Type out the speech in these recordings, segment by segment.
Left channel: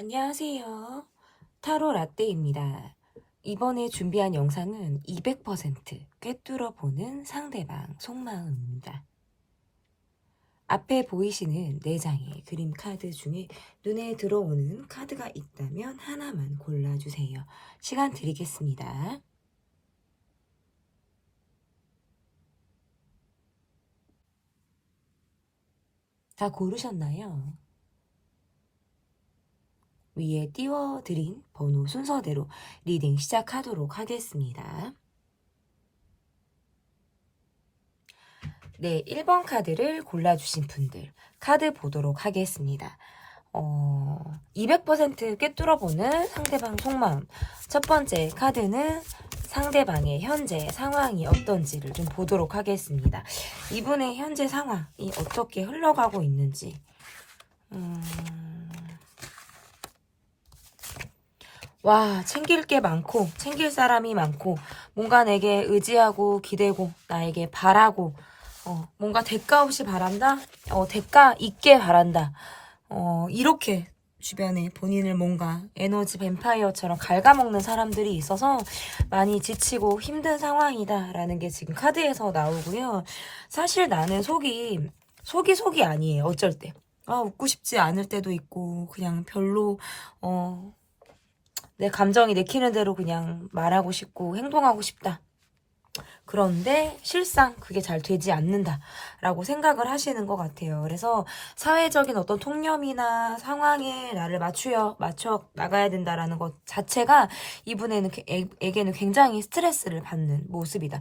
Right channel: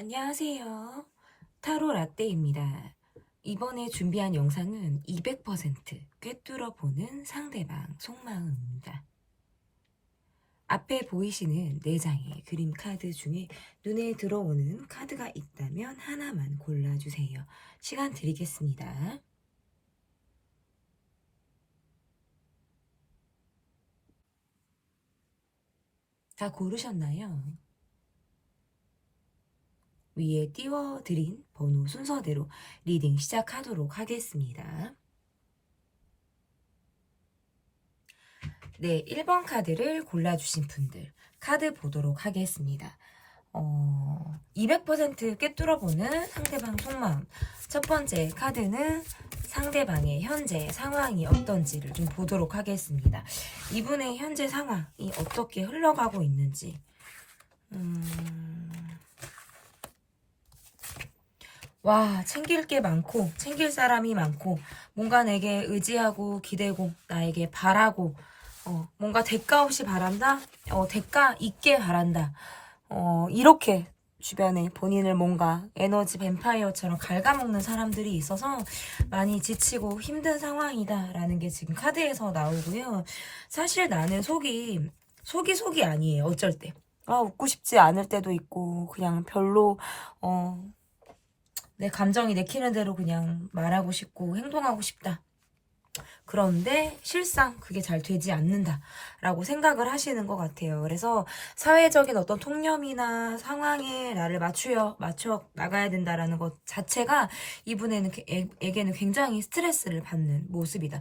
안녕하세요. 타로 라떼입니다. 이번에 준비한 영상은 200% 꿰뚫어 보는 상대방 속마음입니다. 앞에 보이시는 4장의 그림 카드 중에 눈에 들어오는 카드가 있다면 하나만 골라주세요. 시간 드리겠습니다. 다 고르셨나요? 위에 띄워드린 번호 순서대로 리딩 시작하도록 하겠습니다. 네, 1번 카드를 골라주신 분들 카드 보도록 하겠습니다. 200% 꿰뚫어보는 상대방 속마음. 첫 번째 카드는 상대방의 현재 상황이 어떤지를 좀 보도록 하겠습니다. 이분의 현재 상황이 어떻게 흘러가고 있는지. 와, 챙길 게 많고 챙길 사람이 많고 뭔가 내게 의지하고 기대고 나에게 바라고 뭔가 대가 없이 바란다? 대가 있게 바란다. 이렇게 주변에 본인을 뭔가 에너지 뱀파이어처럼 갉아먹는 사람들이 있어서 많이 지치고 힘든 상황이다라는 게 지금 카드에서 나오고요. 사실 나는 속이 아니에요. 어쩔 때. 웃고 싶지 않을 때도 있고 그냥 별로 내 감정이 내키는 대로 그냥 말하고 싶고 행동하고 싶다. 그런데 실상 그게 잘 되지 않는다라고 생각을 하시는 것 같아요. 그래서 사회적인 어떤 통념이나 상황에 나를 맞춰 나가야 된다라는 것 자체가 이분에게는 굉장히 스트레스를 받는 모습이다.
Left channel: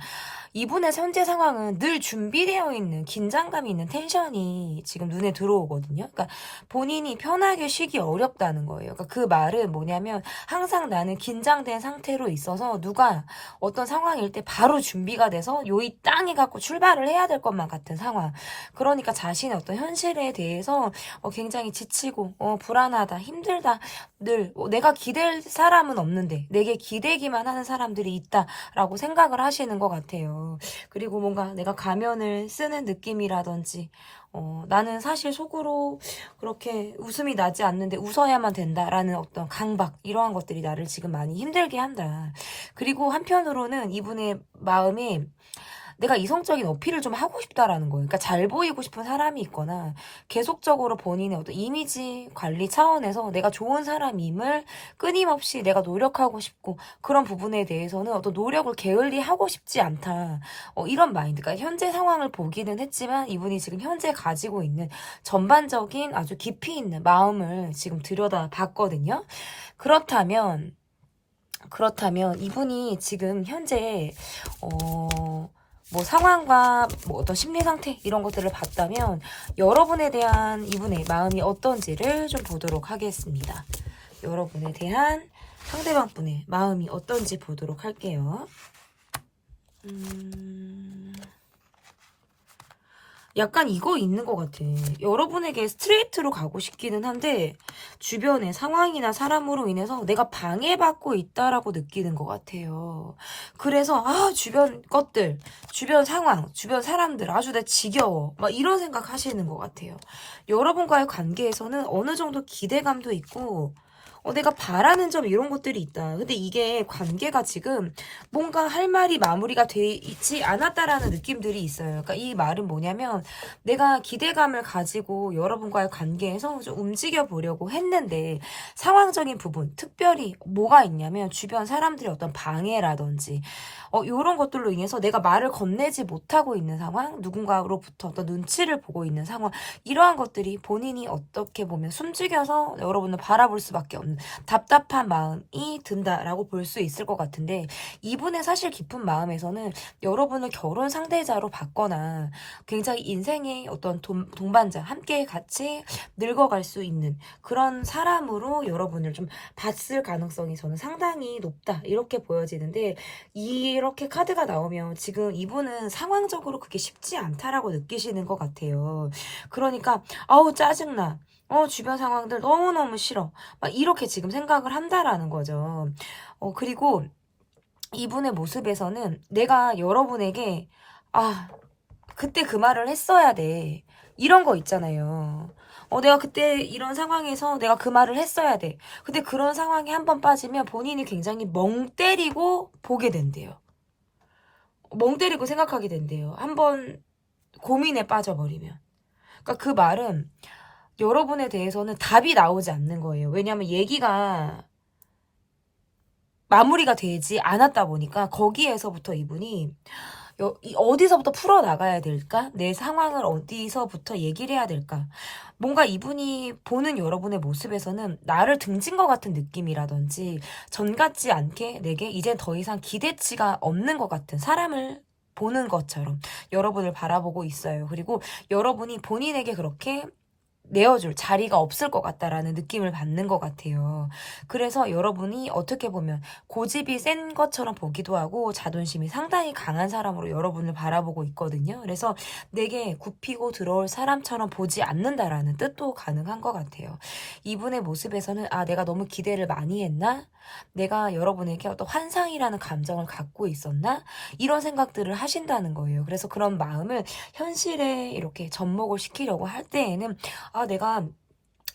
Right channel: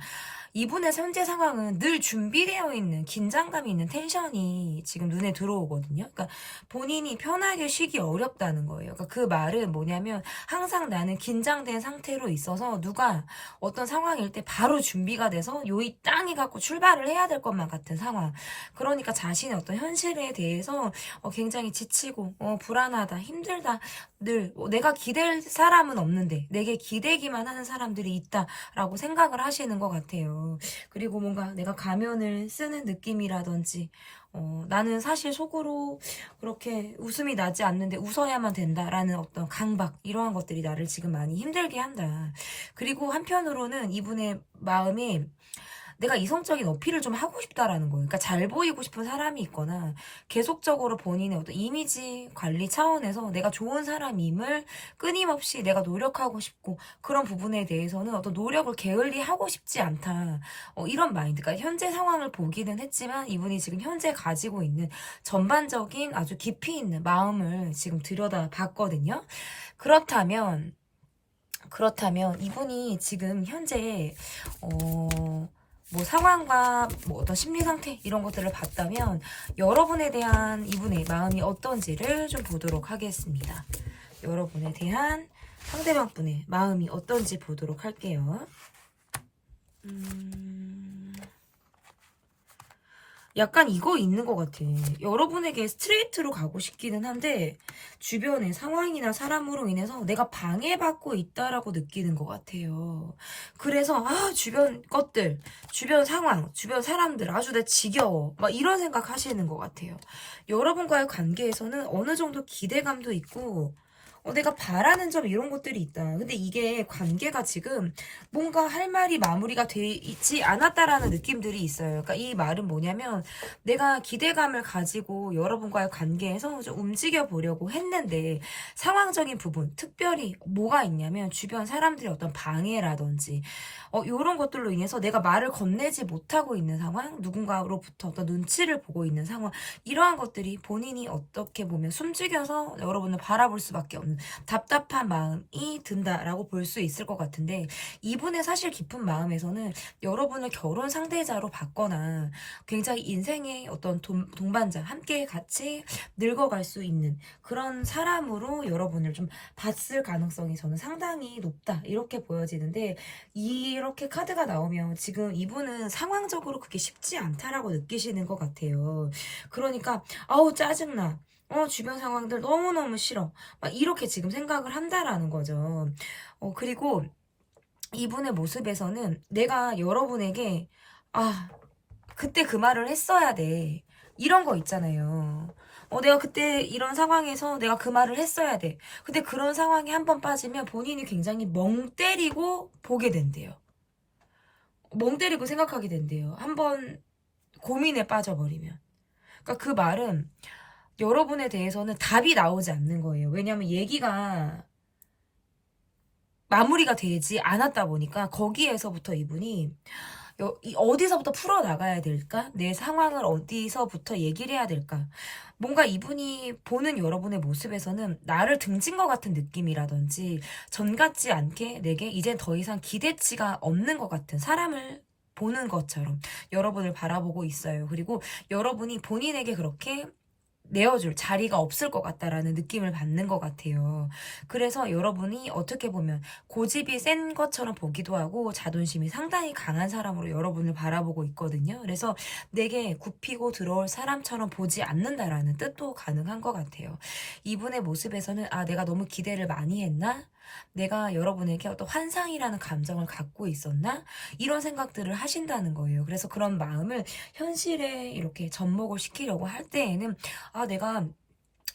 이분의 현재 상황은 늘 준비되어 있는 긴장감이 있는 텐션이 지금 눈에 들어오거든요. 그러니까 본인이 편하게 쉬기 어렵다는 거예요. 그러니까 그 말은 뭐냐면 항상 나는 긴장된 상태로 있어서 누가 어떤 상황일 때 바로 준비가 돼서 요이 땅에 갖고 출발을 해야 될 것만 같은 상황. 그러니까 자신의 어떤 현실에 대해서 굉장히 지치고 불안하다, 힘들다. 늘 내가 기댈 사람은 없는데 내게 기대기만 하는 사람들이 있다라고 생각을 하시는 것 같아요. 그리고 뭔가 내가 가면을 쓰는 느낌이라든지 나는 사실 속으로 그렇게 웃음이 나지 않는데 웃어야만 된다라는 어떤 강박 이러한 것들이 나를 지금 많이 힘들게 한다. 그리고 한편으로는 이분의 마음에 내가 이성적인 어필을 좀 하고 싶다라는 거예요. 그러니까 잘 보이고 싶은 사람이 있거나 계속적으로 본인의 어떤 이미지 관리 차원에서 내가 좋은 사람임을 끊임없이 내가 노력하고 싶고 그런 부분에 대해서는 어떤 노력을 게을리하고 싶지 않다. 이런 마인드. 그러니까 현재 상황을 보기는 했지만 이분이 지금 현재 가지고 있는 전반적인 아주 깊이 있는 마음을 지금 들여다봤거든요. 그렇다면 이분이 지금 현재 뭐 상황과 뭐 어떤 심리 상태 이런 것들을 봤다면 여러분에 대한 이분의 마음이 어떤지를 좀 보도록 하겠습니다. 여러분에 대한 상대방 분의 마음이 어떤지 보도록 할게요. 약간 이거 있는 것 같아. 여러분에게 스트레이트로 가고 싶기는 한데 주변의 상황이나 사람으로 인해서 내가 방해받고 있다라고 느끼는 것 같아요. 그래서 주변 것들, 주변 상황, 주변 사람들 아주 내 지겨워. 막 이런 생각 하시는 것 같아요. 여러분과의 관계에서는 어느 정도 기대감도 있고 내가 바라는 점 이런 것들이 있다. 근데 이게 관계가 지금 뭔가 할 말이 마무리가 돼 있지 않았다라는 느낌들이 있어요. 그러니까 이 말은 뭐냐면 내가 기대감을 가지고 여러분과의 관계에서 좀 움직여 보려고 했는데 상황적인 부분, 특별히 뭐가 있냐면 주변 사람들의 어떤 방해라든지 요런 것들로 인해서 내가 말을 건네지 못하고 있는 상황, 누군가로부터 어떤 눈치를 보고 있는 상황, 이러한 것들이 본인이 어떻게 보면 숨죽여서 여러분을 바라볼 수밖에 없는 답답한 마음이 든다라고 볼 수 있을 것 같은데 이분의 사실 깊은 마음에서는 여러분을 결혼 상대자로 받거나 굉장히 인생의 어떤 동반자, 함께 같이 늙어갈 수 있는 그런 사람으로 여러분을 좀 봤을 가능성이 저는 상당히 높다 이렇게 보여지는데 이렇게 카드가 나오면 지금 이분은 상황적으로 그게 쉽지 않다라고 느끼시는 것 같아요. 그러니까 아우 짜증나. 주변 상황들 너무너무 싫어. 막 이렇게 지금 생각을 한다라는 거죠. 그리고 이분의 모습에서는 내가 여러분에게 그때 그 말을 했어야 돼. 이런 거 있잖아요. 내가 그때 이런 상황에서 내가 그 말을 했어야 돼. 근데 그런 상황에 한 번 빠지면 본인이 굉장히 멍 때리고 보게 된대요. 멍 때리고 생각하게 된대요. 한번 고민에 빠져버리면. 그러니까 그 말은 여러분에 대해서는 답이 나오지 않는 거예요. 왜냐하면 얘기가 마무리가 되지 않았다 보니까 거기에서부터 이분이 어디서부터 풀어나가야 될까? 내 상황을 어디서부터 얘기를 해야 될까? 뭔가 이분이 보는 여러분의 모습에서는 나를 등진 것 같은 느낌이라든지 전 같지 않게 내게 이제 더 이상 기대치가 없는 것 같은 사람을 보는 것처럼 여러분을 바라보고 있어요. 그리고 여러분이 본인에게 그렇게 내어줄 자리가 없을 것 같다라는 느낌을 받는 것 같아요. 그래서 여러분이 어떻게 보면 고집이 센 것처럼 보기도 하고 자존심이 상당히 강한 사람으로 여러분을 바라보고 있거든요. 그래서 내게 굽히고 들어올 사람처럼 보지 않는다라는 뜻도 가능한 것 같아요. 이분의 모습에서는 내가 너무 기대를 많이 했나? 내가 여러분에게 어떤 환상이라는 감정을 갖고 있었나? 이런 생각들을 하신다는 거예요. 그래서 그런 마음을 현실에 이렇게 접목을 시키려고 할 때에는 내가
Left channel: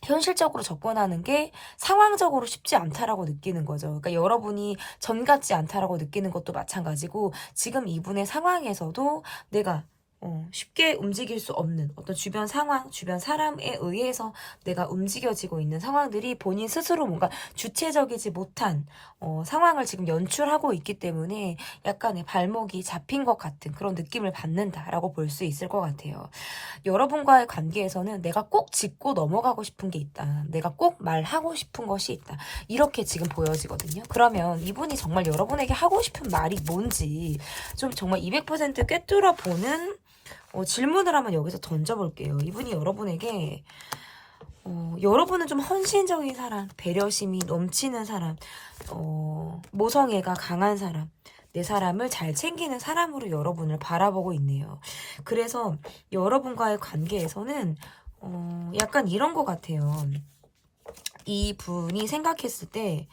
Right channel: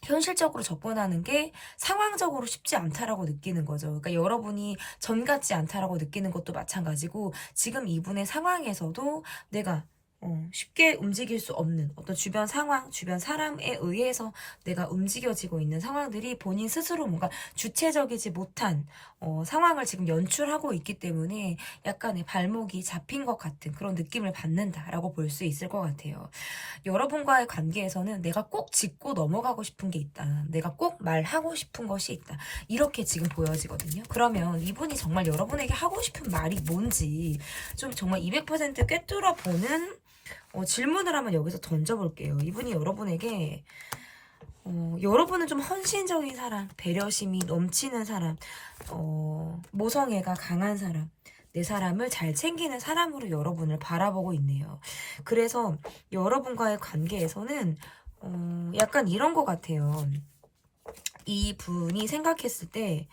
현실적으로 접근하는 게 상황적으로 쉽지 않다라고 느끼는 거죠. 그러니까 여러분이 전 같지 않다라고 느끼는 것도 마찬가지고 지금 이분의 상황에서도 내가 쉽게 움직일 수 없는 어떤 주변 상황, 주변 사람에 의해서 내가 움직여지고 있는 상황들이 본인 스스로 뭔가 주체적이지 못한 상황을 지금 연출하고 있기 때문에 약간의 발목이 잡힌 것 같은 그런 느낌을 받는다라고 볼 수 있을 것 같아요. 여러분과의 관계에서는 내가 꼭 짚고 넘어가고 싶은 게 있다. 내가 꼭 말하고 싶은 것이 있다. 이렇게 지금 보여지거든요. 그러면 이분이 정말 여러분에게 하고 싶은 말이 뭔지 좀 정말 200% 꿰뚫어 보는 질문을 한번 여기서 던져볼게요. 이분이 여러분에게 여러분은 좀 헌신적인 사람, 배려심이 넘치는 사람, 모성애가 강한 사람, 내 사람을 잘 챙기는 사람으로 여러분을 바라보고 있네요. 그래서 여러분과의 관계에서는 약간 이런 것 같아요. 이 분이 생각했을 때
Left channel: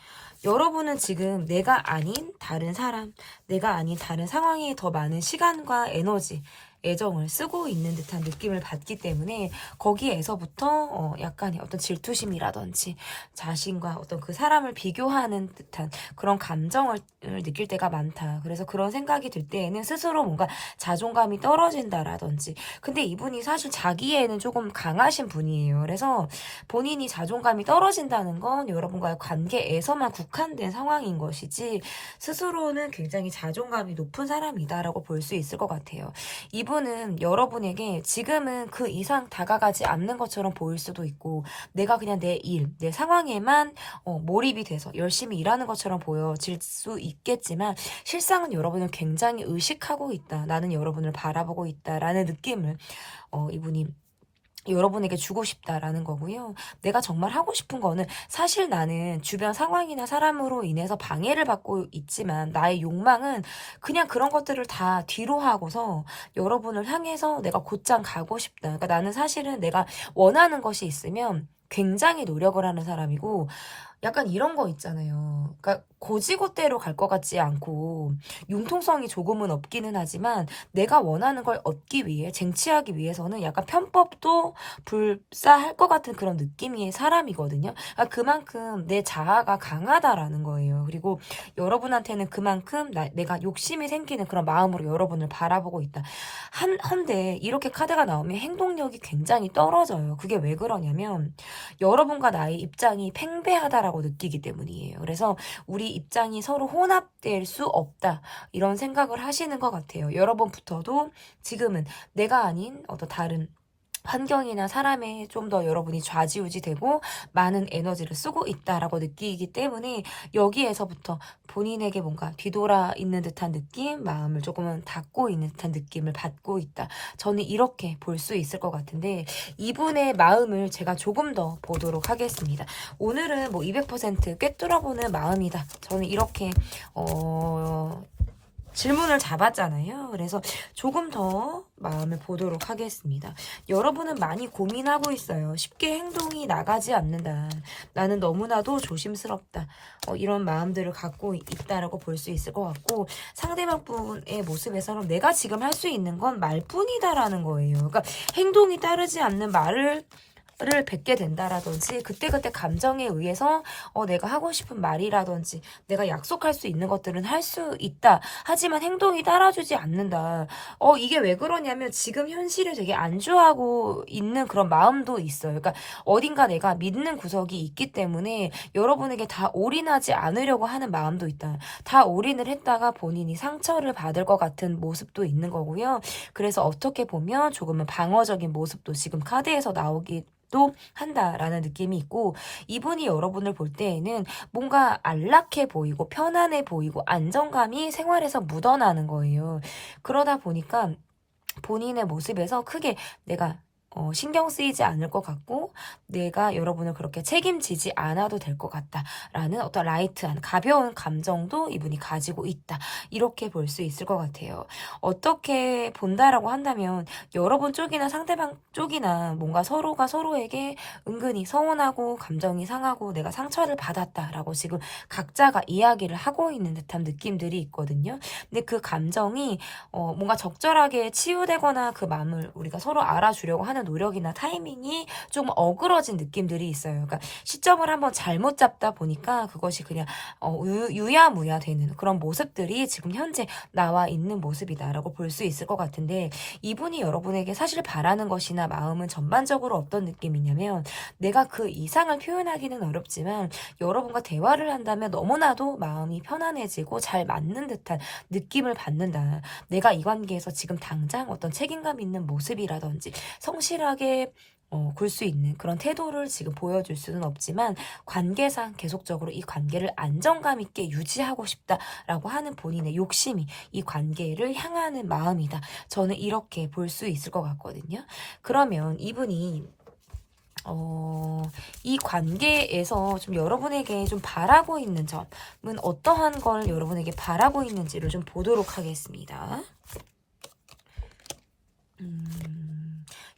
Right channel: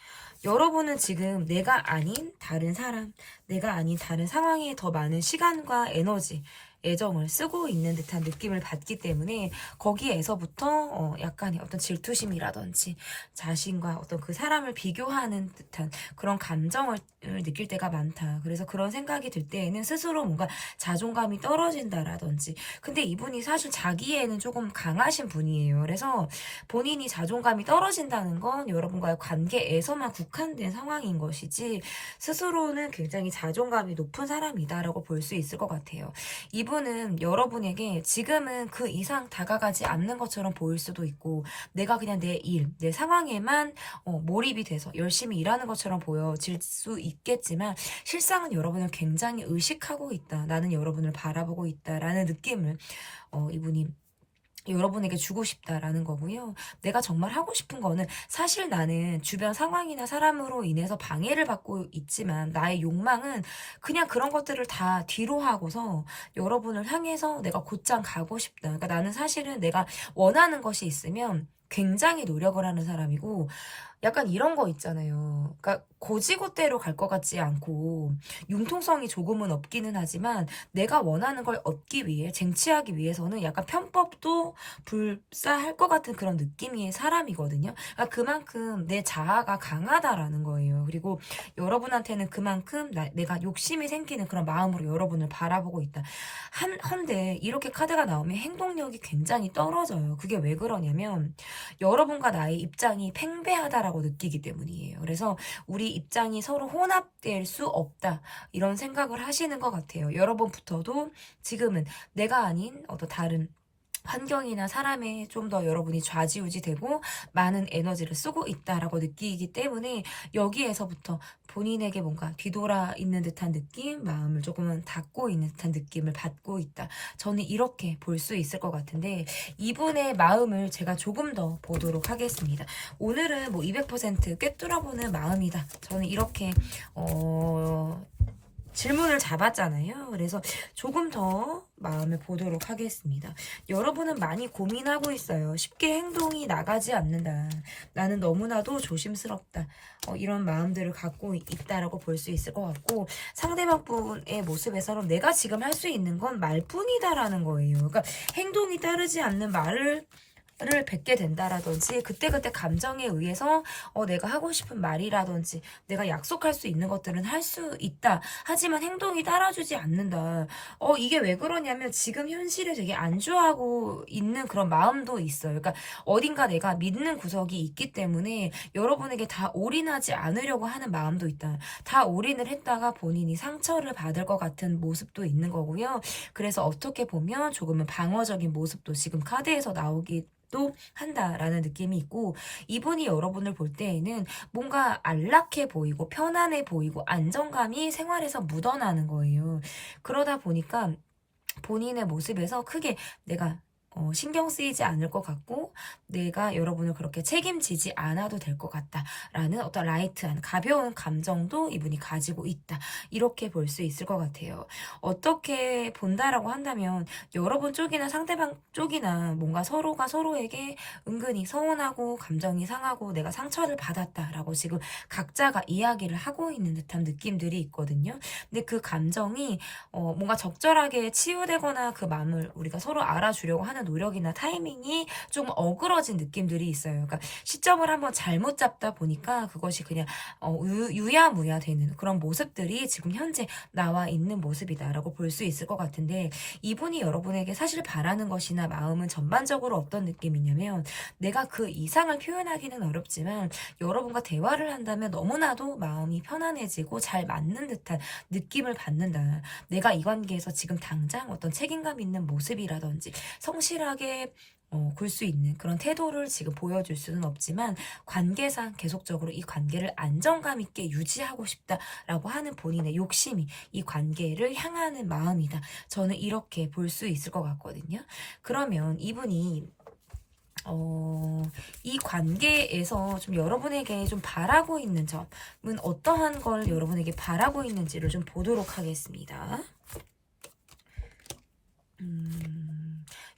여러분은 지금 내가 아닌 다른 사람, 내가 아닌 다른 상황에 더 많은 시간과 에너지, 애정을 쓰고 있는 듯한 느낌을 받기 때문에 거기에서부터 약간의 어떤 질투심이라든지 자신과 어떤 그 사람을 비교하는 듯한 그런 감정을 느낄 때가 많다. 그래서 그런 생각이 들 때에는 스스로 뭔가 자존감이 떨어진다라든지 근데 이분이 사실 자기애는 조금 강하신 분이에요. 그래서 본인이 자존감이 떨어진다는 건 여러분과의 관계에서만 국한된 상황인 것이지 스스로는 굉장히 자존감이 높은 사람이다라고 볼 수 있을 것 같아요. 이분은 여러분에게 지금은 그 이상 다가가지 않는 것처럼 보일 수도 있고 내가 그냥 내 일, 내 상황에만 몰입이 돼서 열심히 일하는 것처럼 보여질 수 있겠지만 실상은 여러분을 굉장히 의식하고 있다. 나는 여러분을 바라보고 있다라는 느낌을 이분이 여러분에게 주고 싶다라는 거고요. 내가 정말 하고 싶은 거는 사실 나는 주변 상황이나 사람으로 인해서 방해를 받고 있지만 나의 욕망은 그냥 그런 것들을 다 뒤로 하고서 여러분을 향해서 내가 곧장 가고 싶다. 그러니까 나는 사실은 내가 원하는 것이 있으면 굉장히 노력을 하는 사람이고 약간 이런 거 있잖아요. 그러니까 고지고대로 갈 것 같지 않고 융통성이 조금은 없기는 하지만 내가 원하는 걸 얻기 위해 쟁취하기 위해서는 약간 편법도 불사할 것 같은 그런 느낌의 사람이거든요. 그러니까 그만큼 내 자아가 강하다라는 거예요. 그리고 여러분한테는 그만큼 내가 욕심이 생기는 그런 마음으로 여러분을 바라보고 있다. 헌데 이렇게 카드가 나오면 행동력이 굉장히 떨어져요. 그게 왜 그러냐면 여러분과 나의 입장이 팽배하다라고 느끼기 때문이에요. 그래서 우리 입장이 서로 혼합될 수 없다. 이런 생각을 하시는 것 같아요. 여러분부터도 지금은 내가 아닌 어떤 다른 환경이나 사람에 좀 더 여러분이 좌지우지되고 많은 에너지를 쓰고 있다라고 느끼기 때문에 여기에서부터 본인에게 뭔가 뒤돌아 있는 듯한 느낌, 마음을 조금은 닫고 있는 듯한 느낌을 받고 있다. 저는 이렇게 볼 수 있을 것 같은데 이분의 마음을 제가 조금 더 보도록 하겠습니다. 오늘은 뭐 200% 꿰뚫어보는 마음이다. 저는 이렇게 질문을 잡았잖아요. 그래서 조금 더 마음을 보도록 하겠습니다. 여러분은 많이 고민하고 있어요. 쉽게 행동이 나가지 않는다. 나는 너무나도 조심스럽다. 이런 마음들을 갖고 있다라고 볼 수 있을 것 같고 상대방 분의 모습에서는 내가 지금 할 수 있는 건 말뿐이다라는 거예요. 그러니까 행동이 따르지 않는 말을 를 뱉게 된다라든지 그때그때 감정에 의해서 내가 하고 싶은 말이라든지 내가 약속할 수 있는 것들은 할 수 있다. 하지만 행동이 따라주지 않는다. 이게 왜 그러냐면 지금 현실을 되게 안주하고 있는 그런 마음도 있어요. 그러니까 어딘가 내가 믿는 구석이 있기 때문에 여러분에게 다 올인하지 않으려고 하는 마음도 있다. 다 올인을 했다가 본인이 상처를 받을 것 같은 모습도 있는 거고요. 그래서 어떻게 보면 조금은 방어적인 모습도 지금 카드에서 나오기 또 한다라는 느낌이 있고, 이분이 여러분을 볼 때에는 뭔가 안락해 보이고 편안해 보이고 안정감이 생활에서 묻어나는 거예요. 그러다 보니까 본인의 모습에서 크게 내가 신경 쓰이지 않을 것 같고 내가 여러분을 그렇게 책임지지 않아도 될 것 같다라는 어떤 라이트한 가벼운 감정도 이분이 가지고 있다. 이렇게 볼 수 있을 것 같아요. 어떻게 본다라고 한다면 여러분 쪽이나 상대방 쪽이나 뭔가 서로가 서로에게 은근히 서운하고 감정이 상하고 내가 상처를 받았다라고 지금 각자가 이야기를 하고 있는 듯한 느낌들이 있거든요. 근데 그 감정이 뭔가 적절하게 치유되거나 그 마음을 우리가 서로 알아주려고 하는 노력이나 타이밍이 좀 어그러진 느낌들이 있어요. 그러니까 시점을 한번 잘못 잡다 보니까 그것이 그냥 유야무야 되는 그런 모습들이 지금 현재 나와 있는 모습이다라고 볼 수 있을 것 같은데, 이분이 여러분에게 사실 바라는 것이나 마음은 전반적으로 어떤 느낌이냐면 내가 그 이상을 표현하기는 어렵지만 여러분과 대화를 한다면 너무나도 마음이 편안해지고 잘 맞는 듯한 느낌을 받는다. 내가 이 관계에서 지금 당장 어떤 책임감 있는 모습이라든지 성실하게 굴 수 있는 그런 태도를 지금 보여줄 수는 없지만 관계상 계속적으로 이 관계를 안정감 있게 유지하고 싶다라고 하는 본인의 욕심이 이 관계를 향하는 마음이다. 저는 이렇게 볼 수 있을 것 같거든요. 그러면 이분이 이 관계에서 좀 여러분에게 좀 바라고 있는 점은 어떠한 걸 여러분에게 바라고 있는지를 좀 보도록 하겠습니다.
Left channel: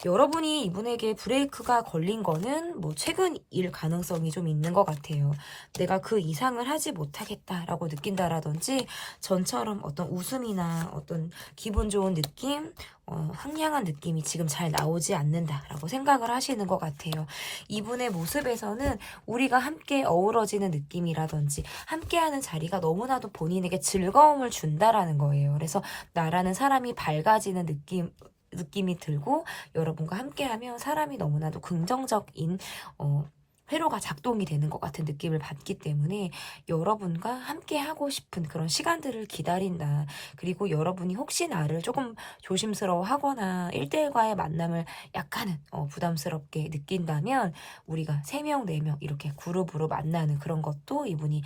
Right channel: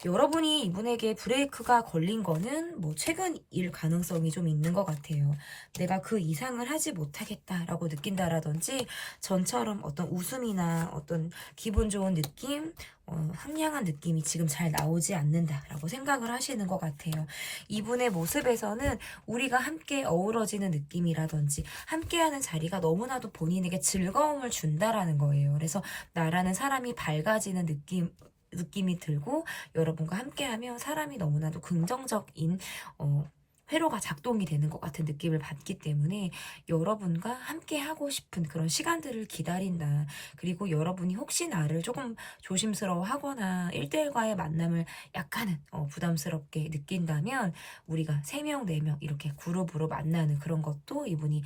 여러분이 이분에게 브레이크가 걸린 거는 뭐 최근일 가능성이 좀 있는 것 같아요. 내가 그 이상을 하지 못하겠다라고 느낀다라든지 전처럼 어떤 웃음이나 어떤 기분 좋은 느낌, 상냥한 느낌이 지금 잘 나오지 않는다라고 생각을 하시는 것 같아요. 이분의 모습에서는 우리가 함께 어우러지는 느낌이라든지 함께하는 자리가 너무나도 본인에게 즐거움을 준다라는 거예요. 그래서 나라는 사람이 밝아지는 느낌이 들고 여러분과 함께하면 사람이 너무나도 긍정적인 회로가 작동이 되는 것 같은 느낌을 받기 때문에 여러분과 함께 하고 싶은 그런 시간들을 기다린다. 그리고 여러분이 혹시 나를 조금 조심스러워하거나 1대1과의 만남을 약간은 부담스럽게 느낀다면 우리가 3명, 4명 이렇게 그룹으로 만나는 그런 것도 이분이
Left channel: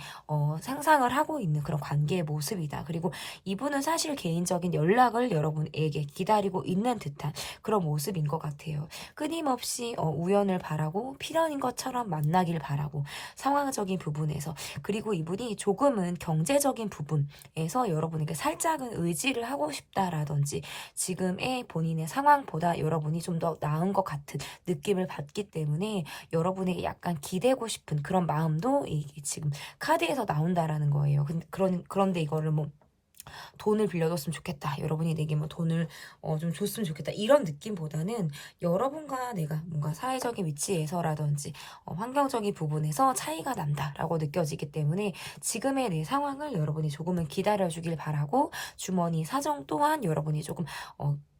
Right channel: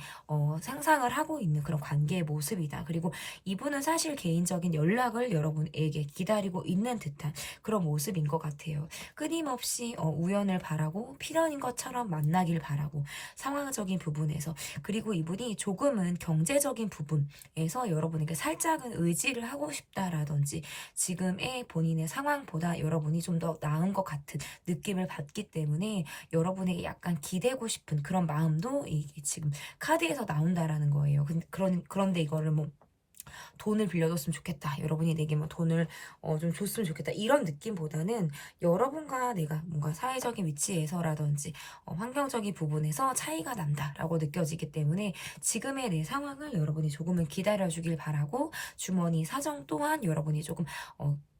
상상을 하고 있는 그런 관계의 모습이다. 그리고 이분은 사실 개인적인 연락을 여러분에게 기다리고 있는 듯한 그런 모습인 것 같아요. 끊임없이 우연을 바라고 필연인 것처럼 만나길 바라고 상황적인 부분에서, 그리고 이분이 조금은 경제적인 부분에서 여러분에게 살짝은 의지를 하고 싶다라든지 지금의 본인의 상황보다 여러분이 좀 더 나은 것 같은 느낌을 받기 때문에 여러분에게 약간 기대고 싶은 그런 마음도 이게 지금 카드에서 나온다라는 거예요. 그런데 이거를 뭐 돈을 빌려줬으면 좋겠다. 여러분이 내게 뭐 돈을 좀 줬으면 좋겠다. 이런 느낌보다는 여러분과 내가 뭔가 사회적인 위치에서라든지 환경적인 부분에서 차이가 난다라고 느껴지기 때문에 지금의 내 상황을 여러분이 조금은 기다려주길 바라고 주머니 사정 또한 여러분이 조금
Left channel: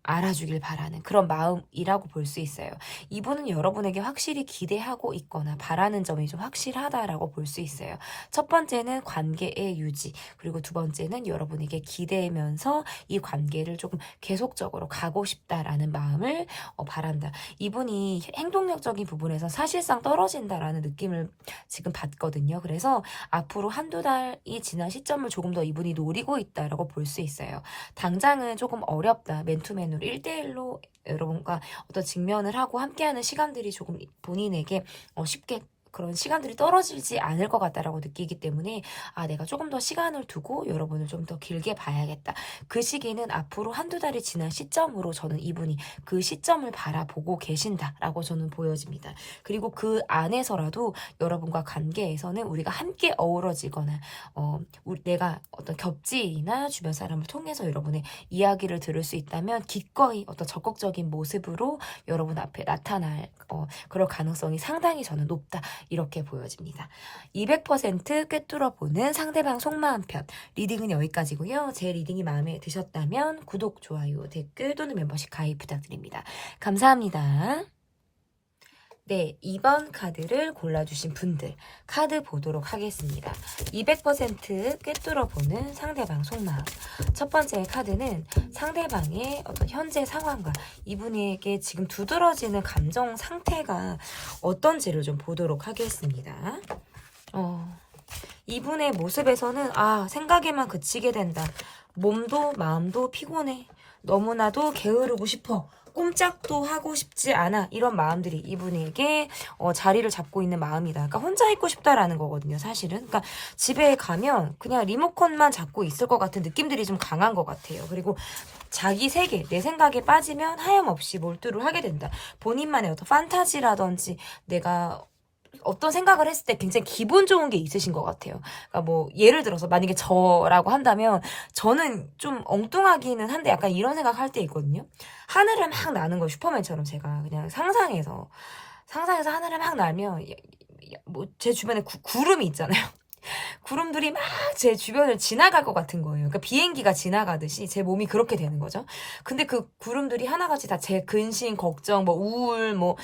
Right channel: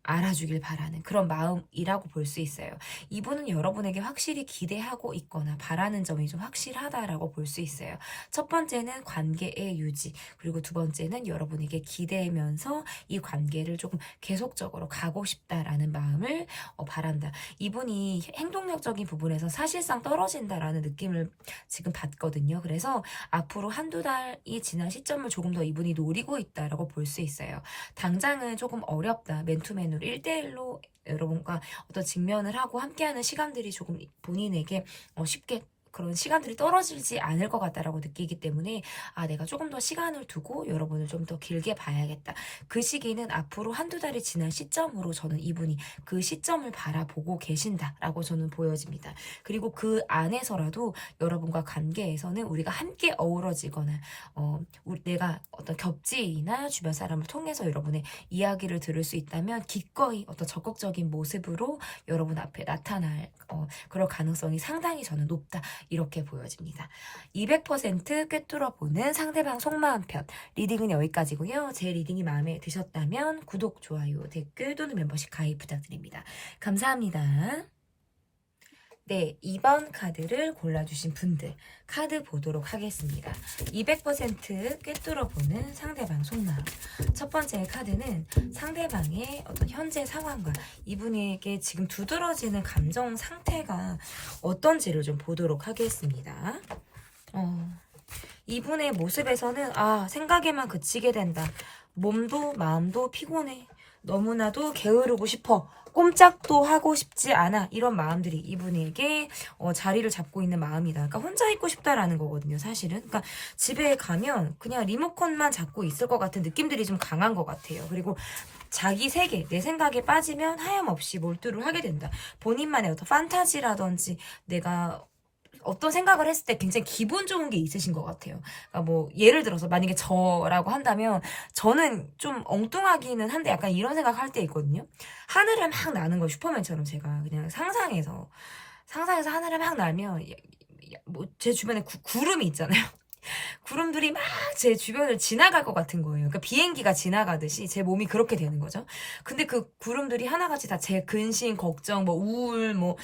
알아주길 바라는 그런 마음이라고 볼 수 있어요. 이분은 여러분에게 확실히 기대하고 있거나 바라는 점이 좀 확실하다라고 볼 수 있어요. 첫 번째는 관계의 유지, 그리고 두 번째는 여러분에게 기대면서 이 관계를 조금 계속적으로 가고 싶다라는 마음을 바란다. 이분이 행동력적인 부분에서 사실상 떨어진다라는 느낌을 지금 받거든요. 그래서 앞으로 한두 달이 지난 시점을 조금 더 이분이 노리고 있다라고 볼 수 있어요. 당장은 조금 어렵다. 맨투맨으로 1대1로 여러분과 어떤 직면을 하고 함께하는 시간들이 조금 본인에게 쉽게 그런 시간들이 떨어지지 않을 것 같다라고 느끼기 때문에 내가 조금 더 시간을 두고 여러분을 좀 더 길게 봐야겠다. 그 시기는 앞으로 한두 달이 지난 시점으로 저는 이분이 그 시점을 바라보고 계신다라고 저는 보여집니다. 그리고 그 안에서라도 여러분과 관계에서는 우리가 함께 어우러지거나 내가 어떤 겹지나 주변 사람을 통해서 여러분의 이야기를 들을 수 있다면 기꺼이 어떤 적극적인 모습으로 여러분 앞에 나타날 그럴 가능성이 상당히 저는 높다. 이렇게 보여집니다. 200% 꿰뚫어보는 상대방 속마음 편 리딩은 여기까지고요. 제 리딩이 마음에 드셨다면 구독, 좋아요, 댓글 또는 멤버십 가입 부탁드립니다. 감사합니다. 네, 2번 카드를 골라주신 분들 카드 보도록 하겠습니다. 200% 꿰뚫어보는 상대방 속마음. 첫 번째 카드는 상대방의 어떤 현재 상황과 이분에게 지금 두드러지는 감정 상태가 어떤지를 좀 보도록 하겠습니다. 이분의 모습에서는 생각에만 그치게 된다. 몸도 마음도 피곤해. 너무나도 게으르고 싶어. 꼼짝도 하고 싶지 않아. 이런 마음들이 이분에게 자리를 잡고 있는 마음이다. 그러니까 혼자 있고 싶다라는 거거든요, 사실은. 그러니까 집에 가면 그냥 리모컨만 잡고 있을 것 같은 느낌들이 좀 강한 것 같아요. 그리고 자기 세계, 내 생각에 빠지면 하염없이 몰두를 하게 된다. 본인만의 어떤 판타지라든지 내가 어떤 생각을 했을 때 굉장히 기분 좋은 게 있으신 것 같아요. 그러니까 뭐 예를 들어서 만약에 저라고 한다면 저는 좀 엉뚱하기는 한데 약간 이런 생각할 때 있거든요. 하늘을 막 나는 거예요. 슈퍼맨처럼 제가 그냥 상상해서 하늘을 막 날면 뭐 제 주변에 구름이 있잖아요. 구름들이 막 제 주변을 지나갈 것 같은 거예요. 그러니까 비행기가 지나가듯이 제 몸이 그렇게 되는 거죠. 근데 그 구름들이 하나같이 다 제 근심, 걱정, 뭐 우울, 뭐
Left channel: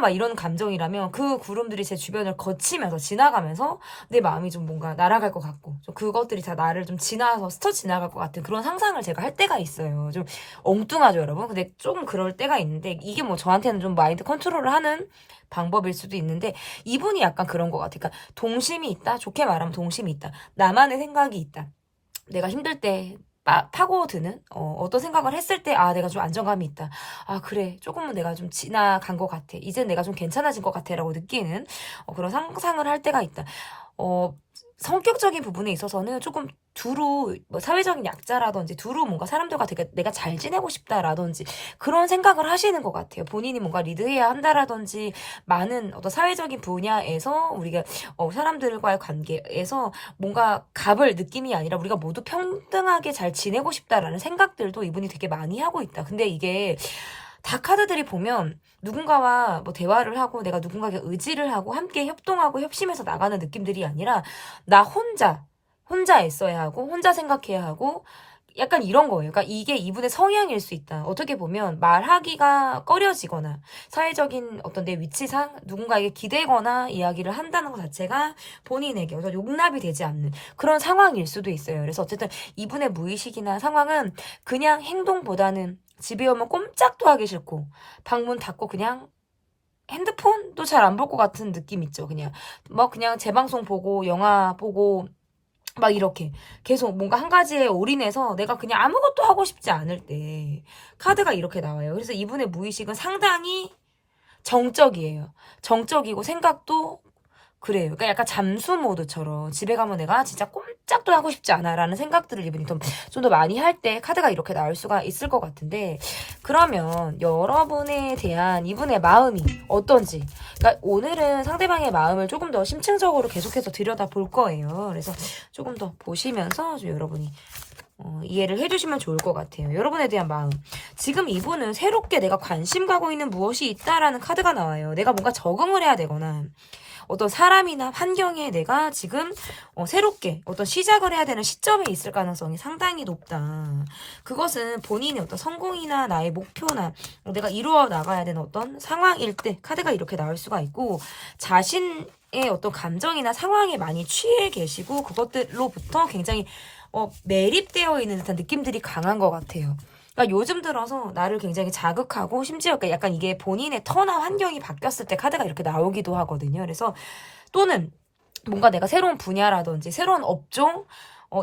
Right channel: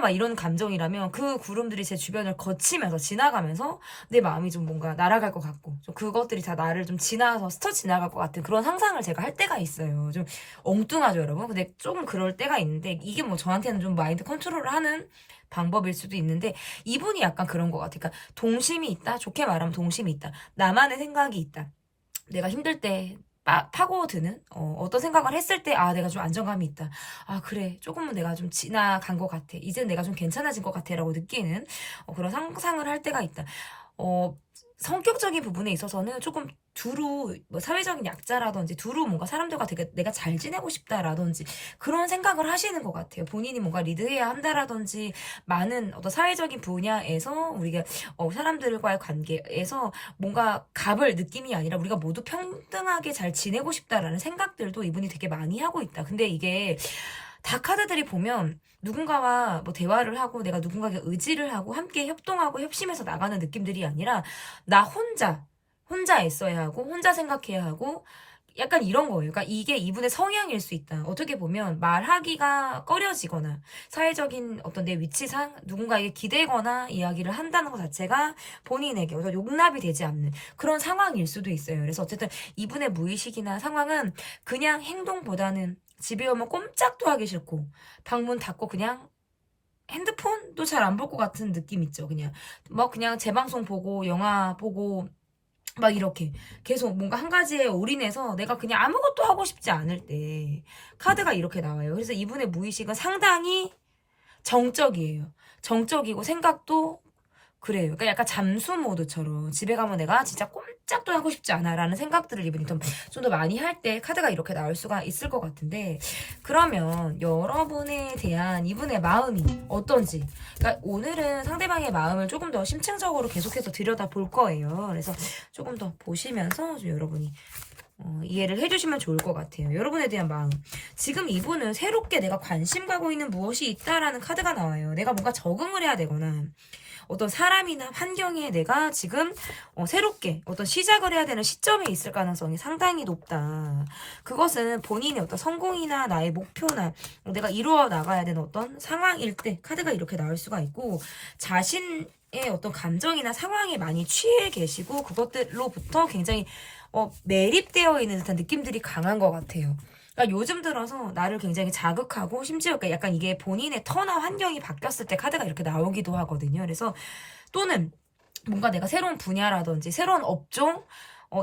막 이런 감정이라면 그 구름들이 제 주변을 거치면서 지나가면서 내 마음이 좀 뭔가 날아갈 것 같고 좀 그것들이 다 나를 좀 지나서 스쳐 지나갈 것 같은 그런 상상을 제가 할 때가 있어요. 좀 엉뚱하죠, 여러분. 근데 조금 그럴 때가 있는데 이게 뭐 저한테는 좀 마인드 컨트롤을 하는 방법일 수도 있는데 이분이 약간 그런 것 같아요. 그러니까 동심이 있다. 좋게 말하면 동심이 있다. 나만의 생각이 있다. 내가 힘들 때 파고드는 어떤 생각을 했을 때 내가 좀 안정감이 있다. 그래 조금은 내가 좀 지나간 것 같아. 이제 내가 좀 괜찮아진 것 같아 라고 느끼는 그런 상상을 할 때가 있다. 성격적인 부분에 있어서는 조금 두루 뭐 사회적인 약자라든지 두루 뭔가 사람들과 되게 내가 잘 지내고 싶다라든지 그런 생각을 하시는 것 같아요. 본인이 뭔가 리드해야 한다라든지 많은 어떤 사회적인 분야에서 우리가 사람들과의 관계에서 뭔가 갑을 느낌이 아니라 우리가 모두 평등하게 잘 지내고 싶다라는 생각들도 이분이 되게 많이 하고 있다. 근데 이게 다 카드들이 보면 누군가와 뭐 대화를 하고 내가 누군가에게 의지를 하고 함께 협동하고 협심해서 나가는 느낌들이 아니라 나 혼자 애써야 하고 혼자 생각해야 하고 약간 이런 거예요. 그러니까 이게 이분의 성향일 수 있다. 어떻게 보면 말하기가 꺼려지거나 사회적인 어떤 내 위치상 누군가에게 기대거나 이야기를 한다는 것 자체가 본인에게 용납이 되지 않는 그런 상황일 수도 있어요. 그래서 어쨌든 이분의 무의식이나 상황은 그냥 행동보다는 집에 오면 꼼짝도 하기 싫고 방문 닫고 그냥 핸드폰도 잘 안 볼 것 같은 느낌 있죠. 그냥 재방송 보고 영화 보고 막 이렇게 계속 뭔가 한 가지에 올인해서 내가 그냥 아무것도 하고 싶지 않을 때 카드가 이렇게 나와요. 그래서 이분의 무의식은 상당히 정적이에요. 정적이고 생각도 그래요. 그러니까 약간 잠수 모드처럼 집에 가면 내가 진짜 꼼짝도 하고 싶지 않아 라는 생각들을 이분이 좀 더 많이 할 때 카드가 이렇게 나올 수가 있을 것 같은데 그러면 여러분에 대한 이분의 마음이 어떤지 그러니까 오늘은 상대방의 마음을 조금 더 심층적으로 계속해서 들여다볼 거예요. 그래서 조금 더 보시면서 좀 여러분이 이해를 해주시면 좋을 것 같아요. 여러분에 대한 마음. 지금 이분은 새롭게 내가 관심 가고 있는 무엇이 있다라는 카드가 나와요. 내가 뭔가 적응을 해야 되거나 어떤 사람이나 환경에 내가 지금 새롭게 어떤 시작을 해야 되는 시점에 있을 가능성이 상당히 높다. 그것은 본인의 어떤 성공이나 나의 목표나 내가 이루어 나가야 되는 어떤 상황일 때 카드가 이렇게 나올 수가 있고 자신의 어떤 감정이나 상황에 많이 취해 계시고 그것들로부터 굉장히 매립되어 있는 듯한 느낌들이 강한 것 같아요. 그러니까 요즘 들어서 나를 굉장히 자극하고 심지어 약간 이게 본인의 터나 환경이 바뀌었을 때 카드가 이렇게 나오기도 하거든요. 그래서 또는 뭔가 내가 새로운 분야라든지 새로운 업종